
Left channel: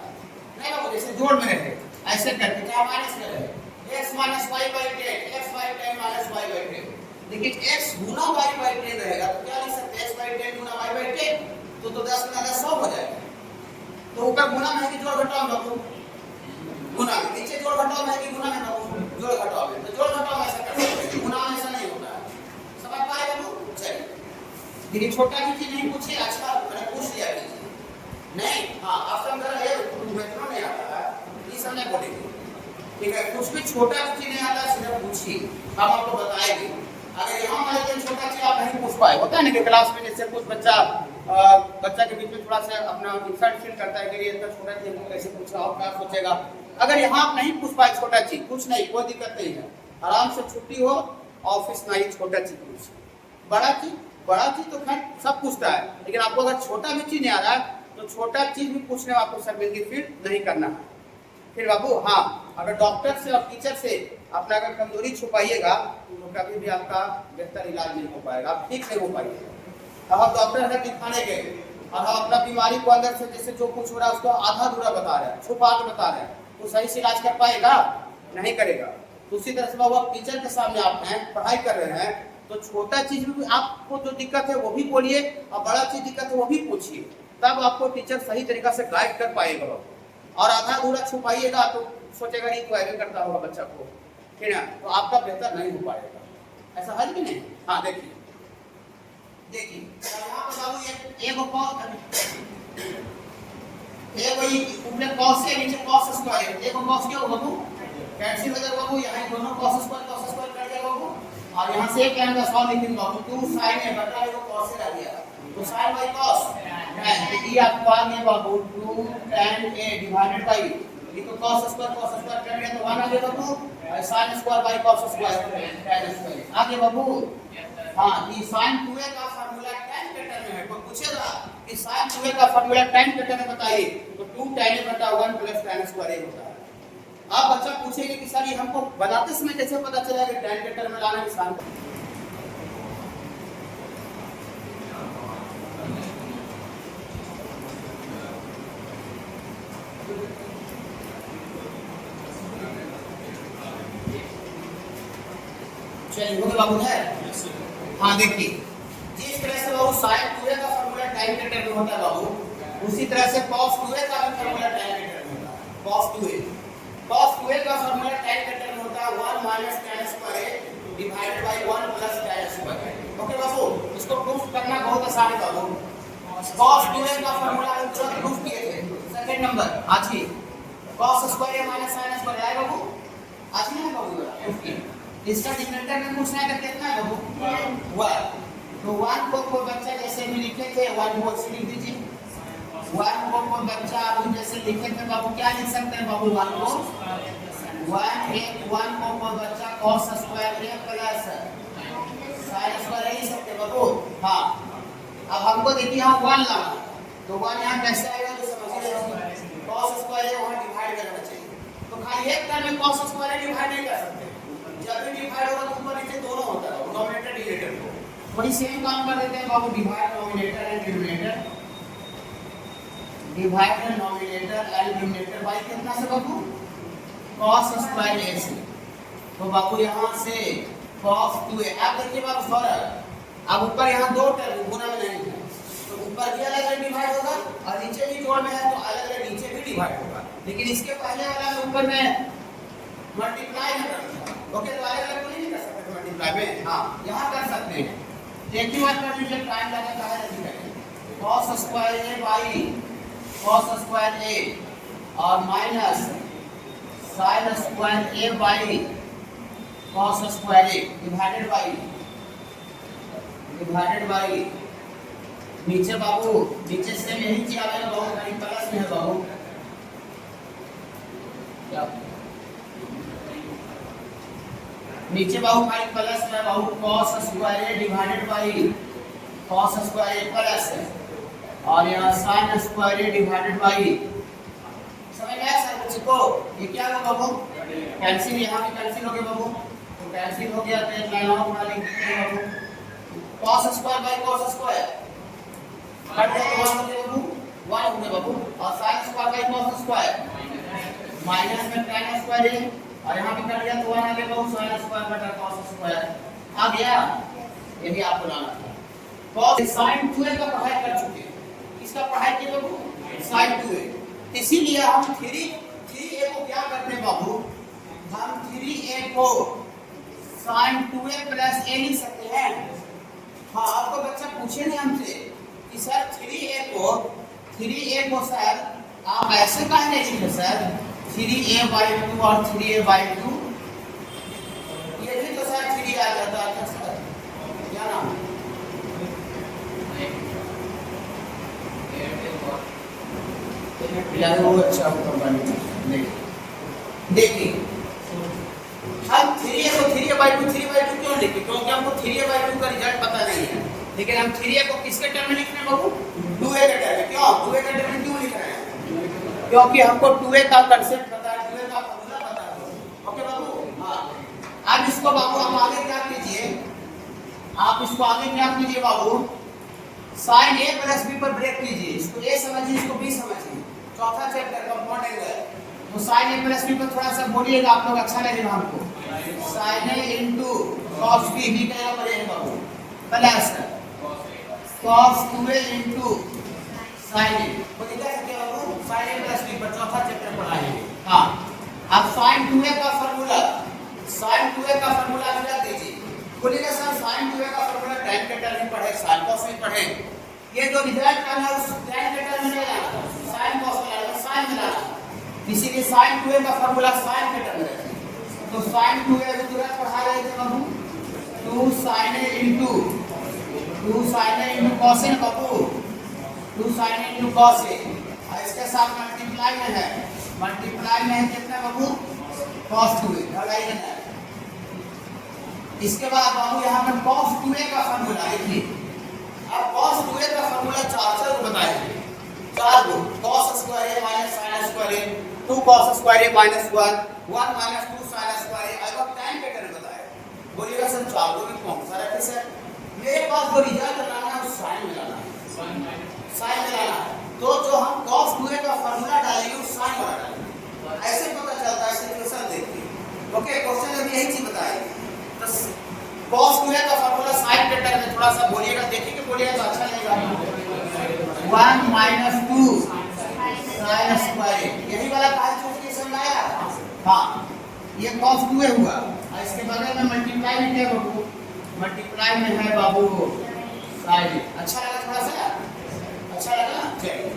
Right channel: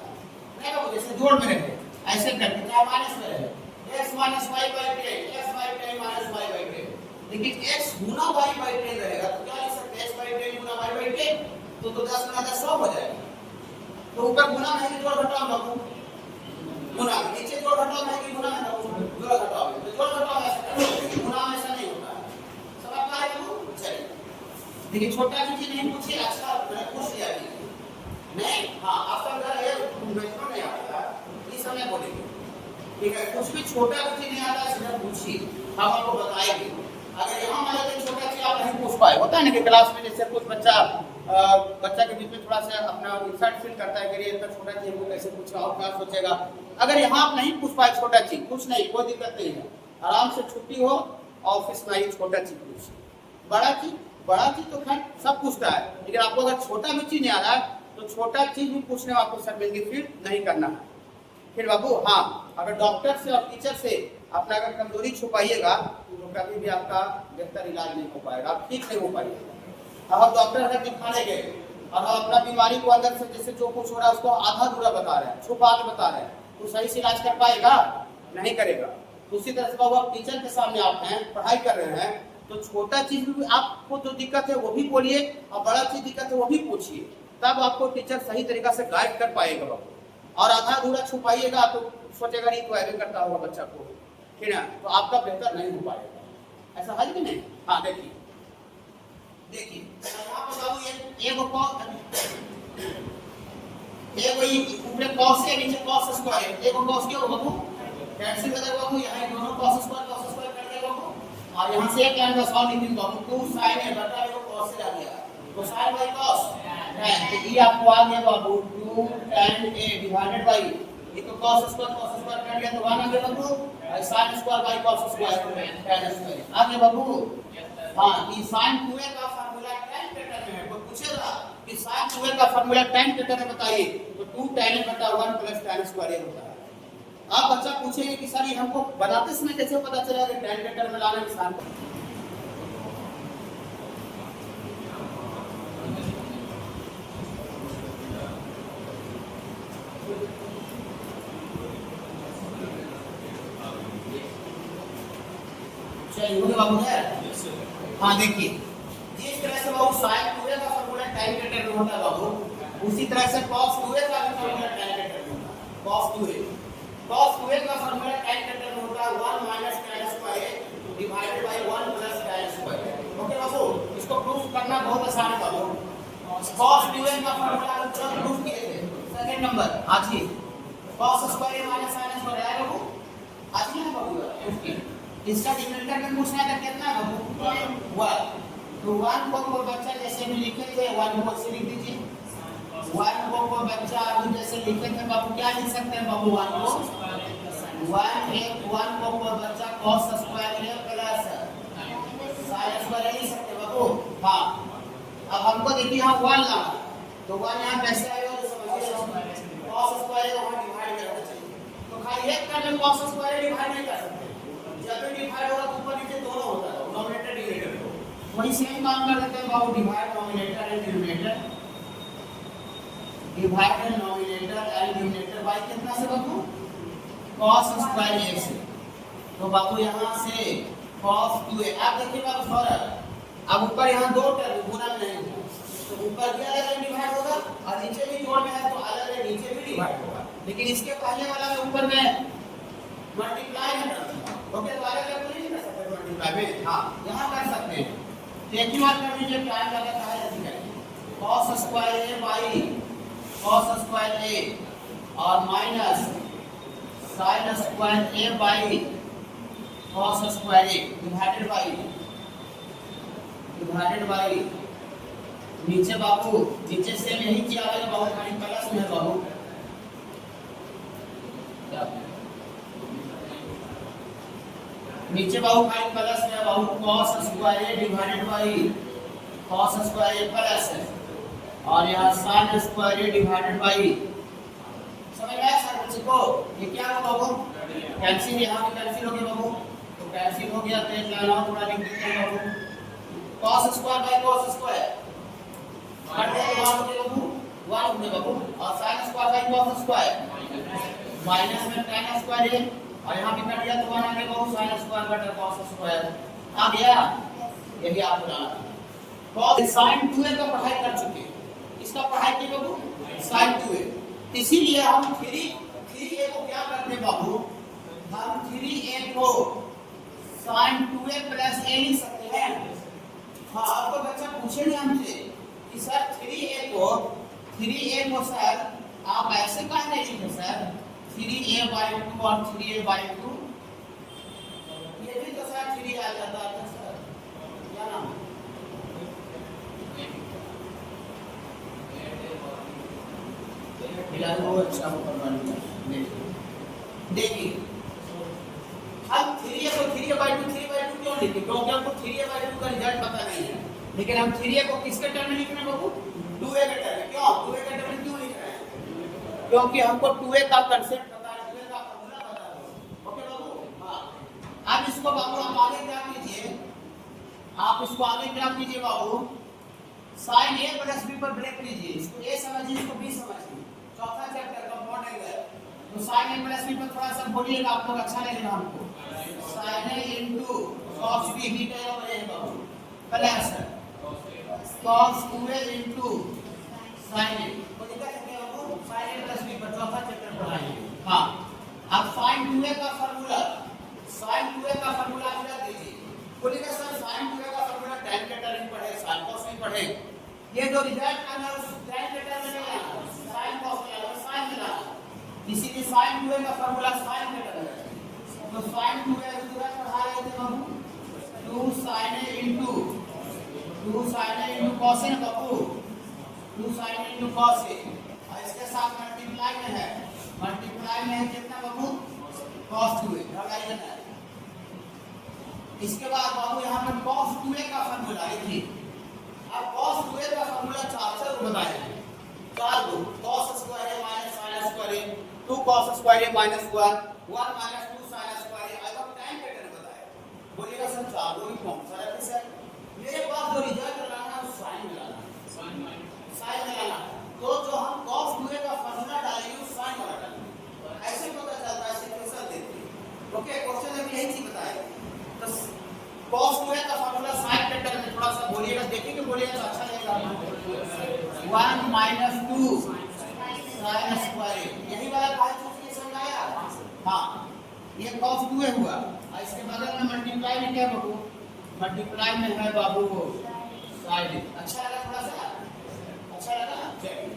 नहीं बाबू, जैसे जोड़ में रहे ऐसे करके क्या माइनस में रहे x minus y by 10, x by 10 minus y by 10। लेकिन x गुना y बाई 10 रहेगा तो क्या लिख सकते हैं? x by 10 Guna y by 10 तो 10 गुना 10 100 हो जाएगा। तो ऊपर गुना में है कि जोड़ घटाव बाबू? गुना में। नीचे जोड़ घटाव है कि गुना में बाबू? जोड़ घटाव है। तो जोड़ घटाव ऐसा करते हैं, गुना में ऐसा नहीं होता है। समझ पाए बाबू? चलिए देखिए छोटा भी चीज नहीं पूछिए, अच्छा मैंने पूछ लिया कीजिए नहीं। हाँ ऑप्शन कर है मेट्रो नहीं आता है ये सब नहीं बोलेंगे, ठीक है? कुछ भी छोटा भी चीज नहीं आता है सीधा पूछिए, हम आपको बताएंगे। अगर यहाँ मान लेते छोटा चीज आप नहीं पूछ पाए, होता है ना कि क्लास में जैसे कुछ बच्चा के बीच में थोड़ा सा अपना इंसल्ट फील करता है कि ये इतना छोटा चीज को कैसे पूछ रहा और क्या सोचेगा। अगर यहाँ आप नहीं पूछ पाए छोटा चीज, कुछ नहीं, कोई दिक्कत नहीं है, आराम से छुट्टी हो ऑफिस में ही छोटा चीज पूछ। बड़ा चीज तो खैर सब पूछता है, लेकिन आपको अगर छोटा भी चीज नहीं आ रहा है तो छोटा चीज भी पूछने में आपको शर्मिंदगी फील नहीं करना है। फिर बाबू हाँ, अगर डॉक्टर से और टीचर से अपना अगर कमजोरी छुपाइएगा तो कभी भी आपका बेहतर इलाज नहीं हो पाएगा, आप ठीक नहीं हो पाइएगा। अब हम डॉक्टर अगर दिखाने गए और हम अपना बीमारी को अंदर से जैसे जो कुछ हो रहा है उसको आधा अधूरा बता रहे हैं, छुपा के बता रहे हैं, तो सही से इलाज कर पाएगा? नहीं करेगा। तो उसी तरह से बाबू आप टीचर के सामने आप हैं, पढ़ाई कर रहे हैं, तो छोटा चीज भी आपको जो दिक्कत है वो भी बोलिए और बड़ा चीज दिक्कत है वो भी पूछिए, तब आपको टीचर सही तरीका से गाइड कर पाएगा बाबू। और आधा अधूरा छुपाइएगा तो सोचेगा नहीं तो ऐसे करता होगा बच्चा को, ठीक है, तो आपका बेहतर नहीं हो पाएगा। ऐसा है कि नहीं? हाँ देखिए यहाँ पर बाबू एक ऊपर cos से नीचे cos स्क्वायर, एक cos क्या होगा बाबू? कैंसिल हो जाएगा बाबू, यहाँ दोनों cos स्क्वायर कट जाएगा बाबू और यहाँ से एक लाइन का सॉल्व लिखेंगे बाबू, 2 sin a बटा ये cos से आ गया, तो sin बाई cos tan, तो ये आपको आ गया बाबू 2 tan a डिवाइडेड बाई ये तो cos स्क्वायर tan लिया तो 1 आ गया बाबू, और sin square by cos square tan square आ गया बाबू। हाँ, ये sin 2a का फार्मूला tan के टर्म में है, कोई पूछेगा कि sin 2a का फार्मूला tan के टर्म में बताइए, तो 2 tan a बटा 1 प्लस tan स्क्वायर a होता है। आप बच्चा पूछेंगे कि सर ये हमको बनाते समय कैसे पता चलेगा कि tan के टर्म में लाना किसान को? चलिए हो गया बाबू है। हाँ देखिए, जिस तरह से बाबू sin 2a का फार्मूला tan के टर्म में होता है बाबू, उसी तरह से cos 2a का भी फार्मूला tan के टर्म में होता है। cos 2a का फार्मूला tan के टर्म में होता है 1 minus tan square divided by 1 plus tan square. Okay बाबू, इसको प्रूफ करना बहुत आसान है बाबू। cos 2a का फार्मूला हम जब प्रूफ किए थे सेकंड नंबर आज ही, cos square minus sin square आएगा बाबू, आज ही है बाबू प्रूफ किए। इसका डिनोमिनेटर में पूछना है कितना है बाबू 1, तो 1 को कोई बच्चा जैसे भी लिखे थे 1 बोल से लिख दीजिए। 1 को कोई बच्चा अभी जैसे लिखे थे बाबू क्या लिख सकते हैं बाबू 1 को 1 को कोई बच्चा cos square a plus sin square लिख सकते हैं बाबू। हाँ, अब हमको देखिए यहाँ 1 लाना, तो 1 यहाँ कैसे आएगा तो समझिए, cos स्क्वायर a वहाँ डिवाइड करना चाहिए, तो खाली एक टर्म में cos स्क्वायर a डिवाइड नहीं कर सकते, जब भी डिवाइड होगा तो ऊपर नीचे दोनों होता है, डिनोमिनेटर डिनोमिनेटर को वही सेम काम कर देते हैं बाबू, divide denominator and denominator, divide denominator and denominator by कितना से बाबू cos स्क्वायर a से, तो बाबू यहाँ से cos 2a, आप देखिए बाबू फर्क, अब ऊपर यहाँ दो टर्म गुना में नहीं है, तो ऊपर भी अलग अलग डिवाइड होगा और नीचे भी जोड़ में है तो अलग अलग नीचे भी डिवाइड होगा, लेकिन इसके पहले वाला में ऊपर में मल्टीप्लाई में करना। ओके, तो अलग अलग नहीं कर सकते मल्टीप्लाई में, हाँ यहाँ कर सकते हैं। तो एक ही बात कर लीजिए, टाइम लगा कहा है cos square a by cos square a और minus sin square a by cos square a divided by नीचे बाबू, नीचे से यही चीज आएगा बाबू, खाली प्लस में है बाबू, नीचे बाबू खाली प्लस में बाबू cos square a divided by cos square a plus है और यहाँ sin square a divided by, समझ आया सर बच्चे को? ये क्या होगा बाबू, कैंसिल, यहाँ भी कैंसिल हो गया बाबू, तो कैंसिल हो गया तो एक लाइन और बना लिख देते हैं बाबू, cos square by cos square cut गया तो 1 हो गया बाबू, 1 हो गया बाबू, और sin square by cos square minus में tan स्क्वायर a और यहाँ भी कट गया तो 1 आ गया बाबू, sin स्क्वायर बटा cos स्क्वायर आ गया। ये भी आपको लाना है। cos sin 2a का पढ़ाई कर चुके हैं, इसका पढ़ाई किए बाबू sin 2a, इसीलिए हम 3a को क्या करते हैं बाबू, हम 3a को sin 2a प्लस a लिख सकते हैं। हाँ, आपको बच्चा पूछे नहीं हमसे कि सर 3a को सर आप ऐसे काहे नहीं लिखे सर 3a/2 और 3a/2, ये भी तो सर 3 आ जाता है सर, क्या नाम यार वो अच्छा देखिए, हम 3a को 3a/2 क्यों लिखे, क्योंकि हमको 3a/2 का रिजल्ट पता नहीं है, लेकिन हम 3a को किसके टर्म में लिख रहे हैं बाबू, 2a के टर्म में। क्यों 2a के टर्म में क्यों लिख रहे हैं, क्योंकि हमको 2a का कांसेप्ट पता है, 2a का फार्मूला पता है। ओके बाबू, हाँ, अब इसको बाबू आप आगे क्या कीजिए, आप इसको आगे क्या कीजिए बाबू, sin a प्लस b पर ब्रेक कीजिए, इसको a समझिए, इसको b समझिए, चौथा चैप्टर कंपाउंड एंगल, तो sin a प्लस b पर थोड़ा सा बोलिएगा, आप लोग अच्छा लगेगा हमको, sin a into cos b का यहाँ पर है बाबू plus cos 2a into sin a, तो लिखा सकते हैं बाबू sin a प्लस b पर चौथा चैप्टर पढ़ाएंगे। हाँ, अब sin 2a का फार्मूला रख दीजिए, बोलिएगा सर sin 2a का फार्मूला tan के टर्म में पढ़े, sin cos में पढ़े, ये जो रिजल्ट का है उस tan के टर्म में नहीं लाना, sin cos में लाना, sin में लाना, इसीलिए sin 2a का फार्मूला sin के टर्म में रखिए। तो sin 2a तुरंत पढ़ा रहे थे बाबू 2 2 sin A into 2 sin A into cos A Babu, 2 sin A into cos A, और इसके साथ मल्टीप्लाई में है, मल्टीप्लाई में है कितना बाबू, cos 2A लगाइए ना। इसके बाद बाबू यहाँ पर cos 2A का फॉर्मूला लिखिए। अब cos 2A का फॉर्मूला चार बताइए, चार दो cos square A minus sin square A, 2 cos square A minus 1, 1 minus 2 sin square A। अब tan के टर्म बताया, बोलिएगा सर चार दो में कौन सा रखे सर, मेरे पास जो रिजल्ट लाना है sin मिलाना है, sin मिलाना है, तो जो हम cos 2A का फॉर्मूला डालेंगे वो sin वाला डालेंगे, ऐसे पता चलता है। सिचुएशन देखिए, ओके क्वेश्चन में यही चीज बताएगी। तो cos 2A का फॉर्मूला sin के टर्म में थोड़ा सा बोलिएगा, देखिए कि बोलिएगा तो अच्छा लगेगा। 1 माइनस 2 sin स्क्वायर, यही वाला कहा चूज के समझ आया। हाँ ये cos 2A हुआ, और इसके बगल में मल्टीप्लाई में क्या बाबू, मल्टीप्लाई में है बाबू sin। अच्छा लगा, थोड़ा सा अच्छा लगा। चलिए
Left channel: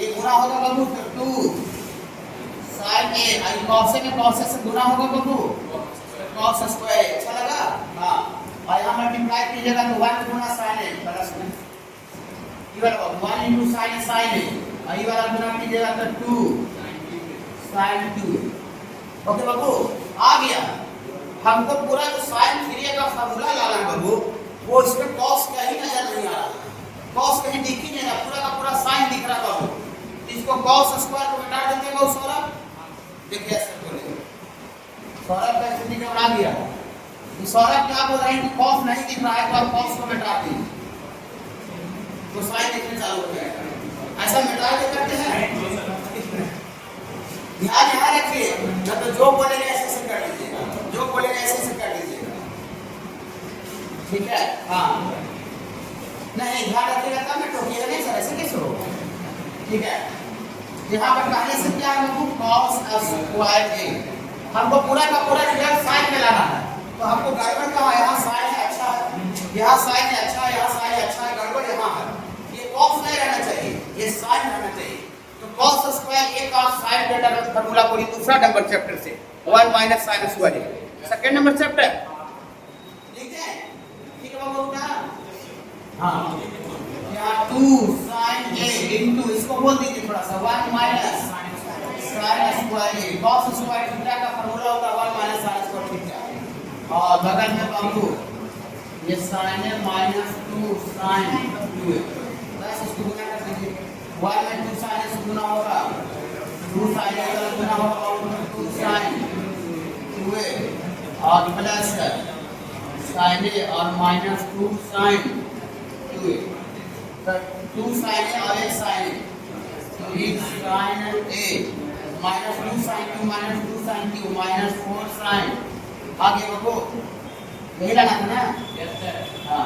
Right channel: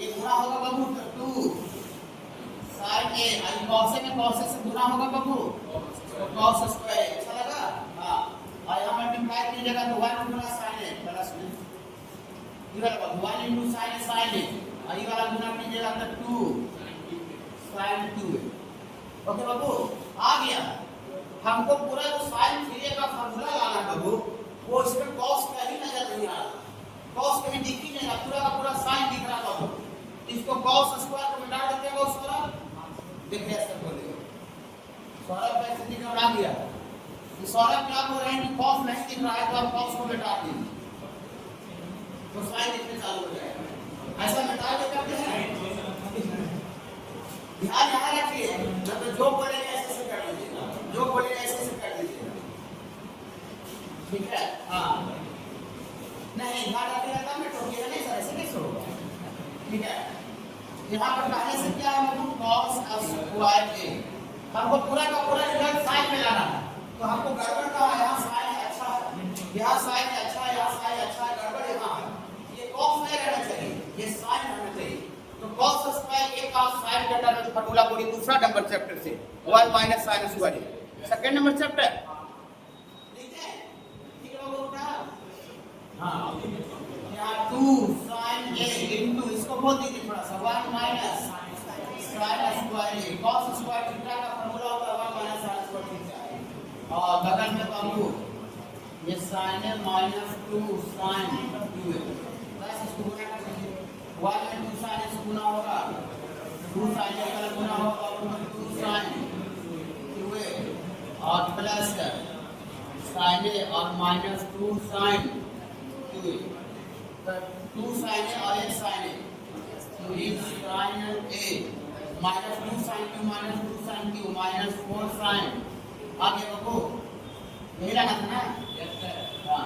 ये गुना होगा बाबू तो 2 sin A, और cos A में cos A से गुना होगा बाबू तो cos स्क्वायर। अच्छा लगा। हाँ और यहाँ मल्टीप्लाई कीजिएगा तो 1 गुना sin A प्लस में ये वाला 1 into sin sin A, और ये वाला गुना कीजिएगा तो 2 sin 2। ओके बाबू आ गया। हमको पूरा जो sin 3A का फॉर्मूला लाना है बाबू, वो इसमें cos कहीं नजर नहीं आ रहा, cos कहीं दिख ही नहीं रहा, पूरा का पूरा sin दिख रहा बाबू। इसको cos स्क्वायर को मिटा देंगे बाबू सौरभ, देखिए ऐसे बोलेंगे सौरभ का स्थिति में बना दिया। सौरभ क्या बोल रहे हैं कि cos नहीं दिख रहा है तो आप cos को मिटा दीजिए तो sin दिखने चालू हो जाएगा। ऐसा मिटा के करते हैं, ध्यान यहाँ रखिए, ना तो जो बोलेंगे ऐसे ऐसे कर लीजिएगा, जो बोलेंगे ऐसे ऐसे कर लीजिएगा, ठीक है। हाँ नहीं ध्यान रखिएगा तब मैं टोकिएगा नहीं सर, ऐसे कैसे होगा, ठीक है। यहाँ पर कहने से क्या है बाबू, cos स्क्वायर A, हमको पूरा का पूरा रिजल्ट sin में लाना है, तो हमको गड़बड़ कहाँ, यहाँ sin है अच्छा है, यहाँ sin है अच्छा है, यहाँ sin है अच्छा है, गड़बड़ यहाँ है। ये cos नहीं रहना चाहिए, ये sin रहना चाहिए। तो cos स्क्वायर A का sin के टर्म में फार्मूला पूरी दूसरा नंबर चैप्टर से 1 minus sin square A, second number chapter लिखते हैं, ठीक है बाबू क्या। हाँ यहाँ 2 sin A into इसको बोल दीजिए थोड़ा सा 1 minus sin square A, cos square theta का फार्मूला होता है 1 माइनस sin स्क्वायर थीटा, और बगल में बाबू ये sin A minus 2 sin 2A, बस इसको गुना कर दीजिए, 1 में 2 sin से गुना होगा, 2 sin A का गुना होगा और 2 sin 2A, और प्लस sin A और माइनस 2 sin 2A, तो 2 sin A और 1 sin A, तो ये sin A minus 2 sin 2 minus 2 sin 2 minus 4 sin, आगे बाबू यही लाना था ना। हाँ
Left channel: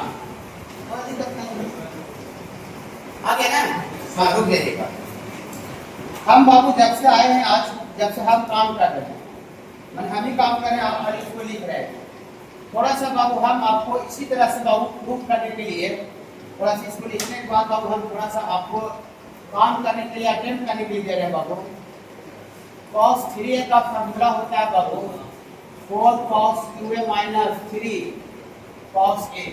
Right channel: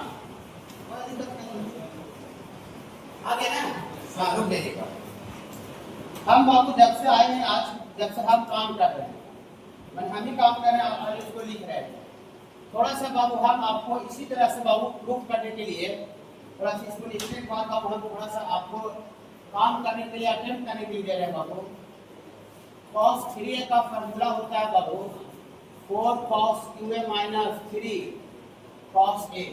कोई दिक्कत नहीं, आगे ना बाबू देखिएगा। हम बाबू जब से आए हैं आज, जब से हम काम कर रहे हैं, मैंने हम ही काम कर रहे हैं, आप खाली इसको लिख रहे हैं। थोड़ा सा बाबू हम आपको इसी तरह से बाबू प्रूफ करने के लिए, थोड़ा सा इसको लिखने के बाद बाबू हम थोड़ा सा आपको काम करने के लिए, अटेम्प्ट करने के लिए दे रहे हैं बाबू। cos 3A का फॉर्मूला होता है बाबू 4 cos 2A minus 3 cos A,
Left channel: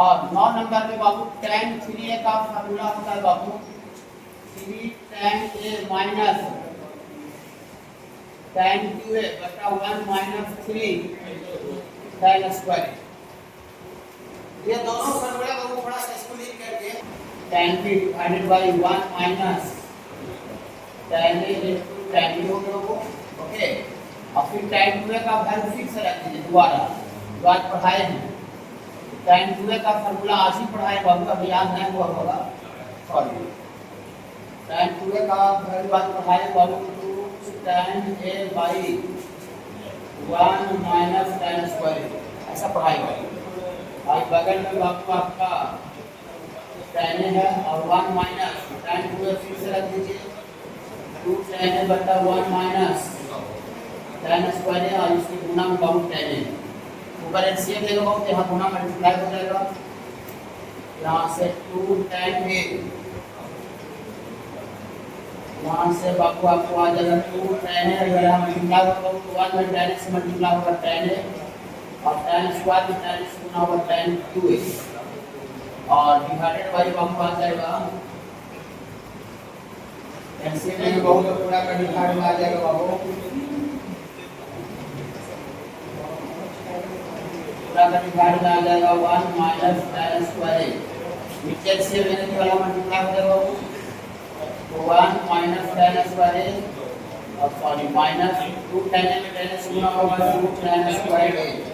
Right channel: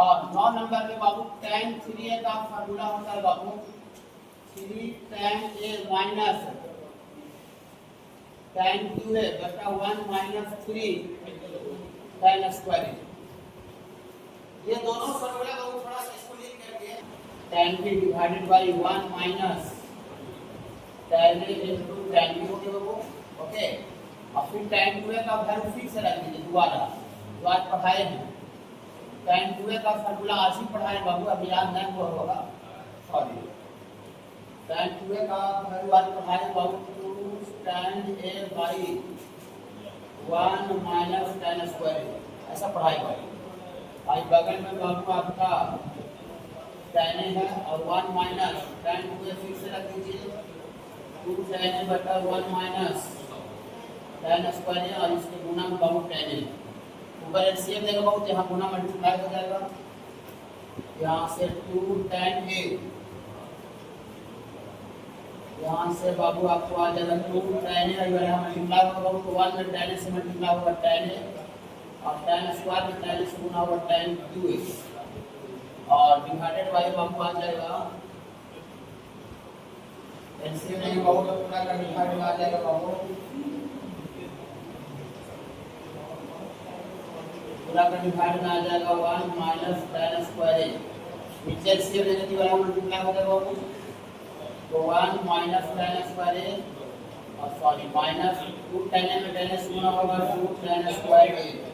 और 9 नंबर में बाबू tan 3A का फॉर्मूला होता है बाबू 3 tan A minus tan 2A बटा 1 माइनस 3 tan स्क्वायर। ये दोनों फॉर्मूला बाबू थोड़ा सा इसको लिख करके tan B divided by 1 minus tan A into tan B हो गया वो, ओके। और फिर tan 2A का वैल्यू फिक्स रख दीजिए दोबारा, जो आज पढ़ाए हैं। tan 2A का फॉर्मूला आज ही पढ़ाए बाबू, अभी याद नहीं हुआ होगा, सॉरी। tan 2A का वैल्यू आज पढ़ाए बाबू 2 tan A by 1 minus tan square, ऐसा पढ़ाई बाबू। और बगल में बाबू आपका tan A है और 1 माइनस tan 2A फिर से रख दीजिए 2 tan A बटा 1 माइनस tan स्क्वायर है, और इसके गुना में बाबू tan A, ऊपर एलसीएम लेगा बाबू, यहाँ गुना मल्टीप्लाई हो जाएगा, यहाँ से 2 tan A, यहाँ से बाबू आपको आ जाएगा 2 tan A, अगर यहाँ मल्टीप्लाई होगा बाबू तो 1 में tan A से मल्टीप्लाई होगा tan A, और tan स्क्वायर में 40 गुना होगा tan 2x और डिवाइडेड बाय बाबू आ जाएगा एलसीएम में बाबू तो पूरा का डिवाइड में आ जाएगा बाबू पूरा का डिवाइड में आ जाएगा 1 माइनस tan स्क्वायर नीचे से मैंने वाला मल्टीप्लाई हो जाएगा बाबू तो 1 माइनस tan स्क्वायर और सॉरी माइनस 2 tan में tan गुना होगा 2 tan स्क्वायर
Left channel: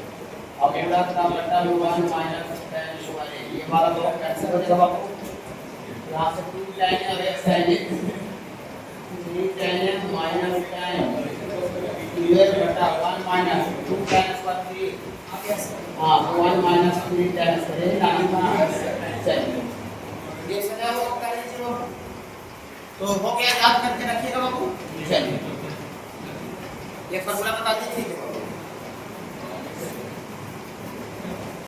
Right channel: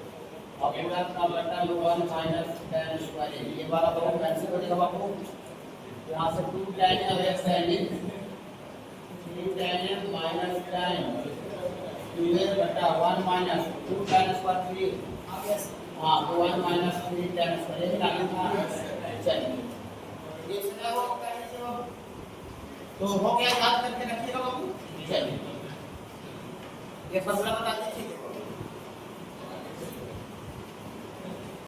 अब पूरा का बटा 1 माइनस tan स्क्वायर ये वाला तो कैंसिल हो जाएगा बाबू यहां से 2 tan और x tan 3 tan minus tan 2 बटा 1 माइनस 2 tan स्क्वायर 3 हां 1 माइनस 3 tan स्क्वायर लाना चलिए ये सदा वो कर लीजिए तो हो गया याद करके रखिएगा बाबू चलिए ये फॉर्मूला बता दीजिए ठीक है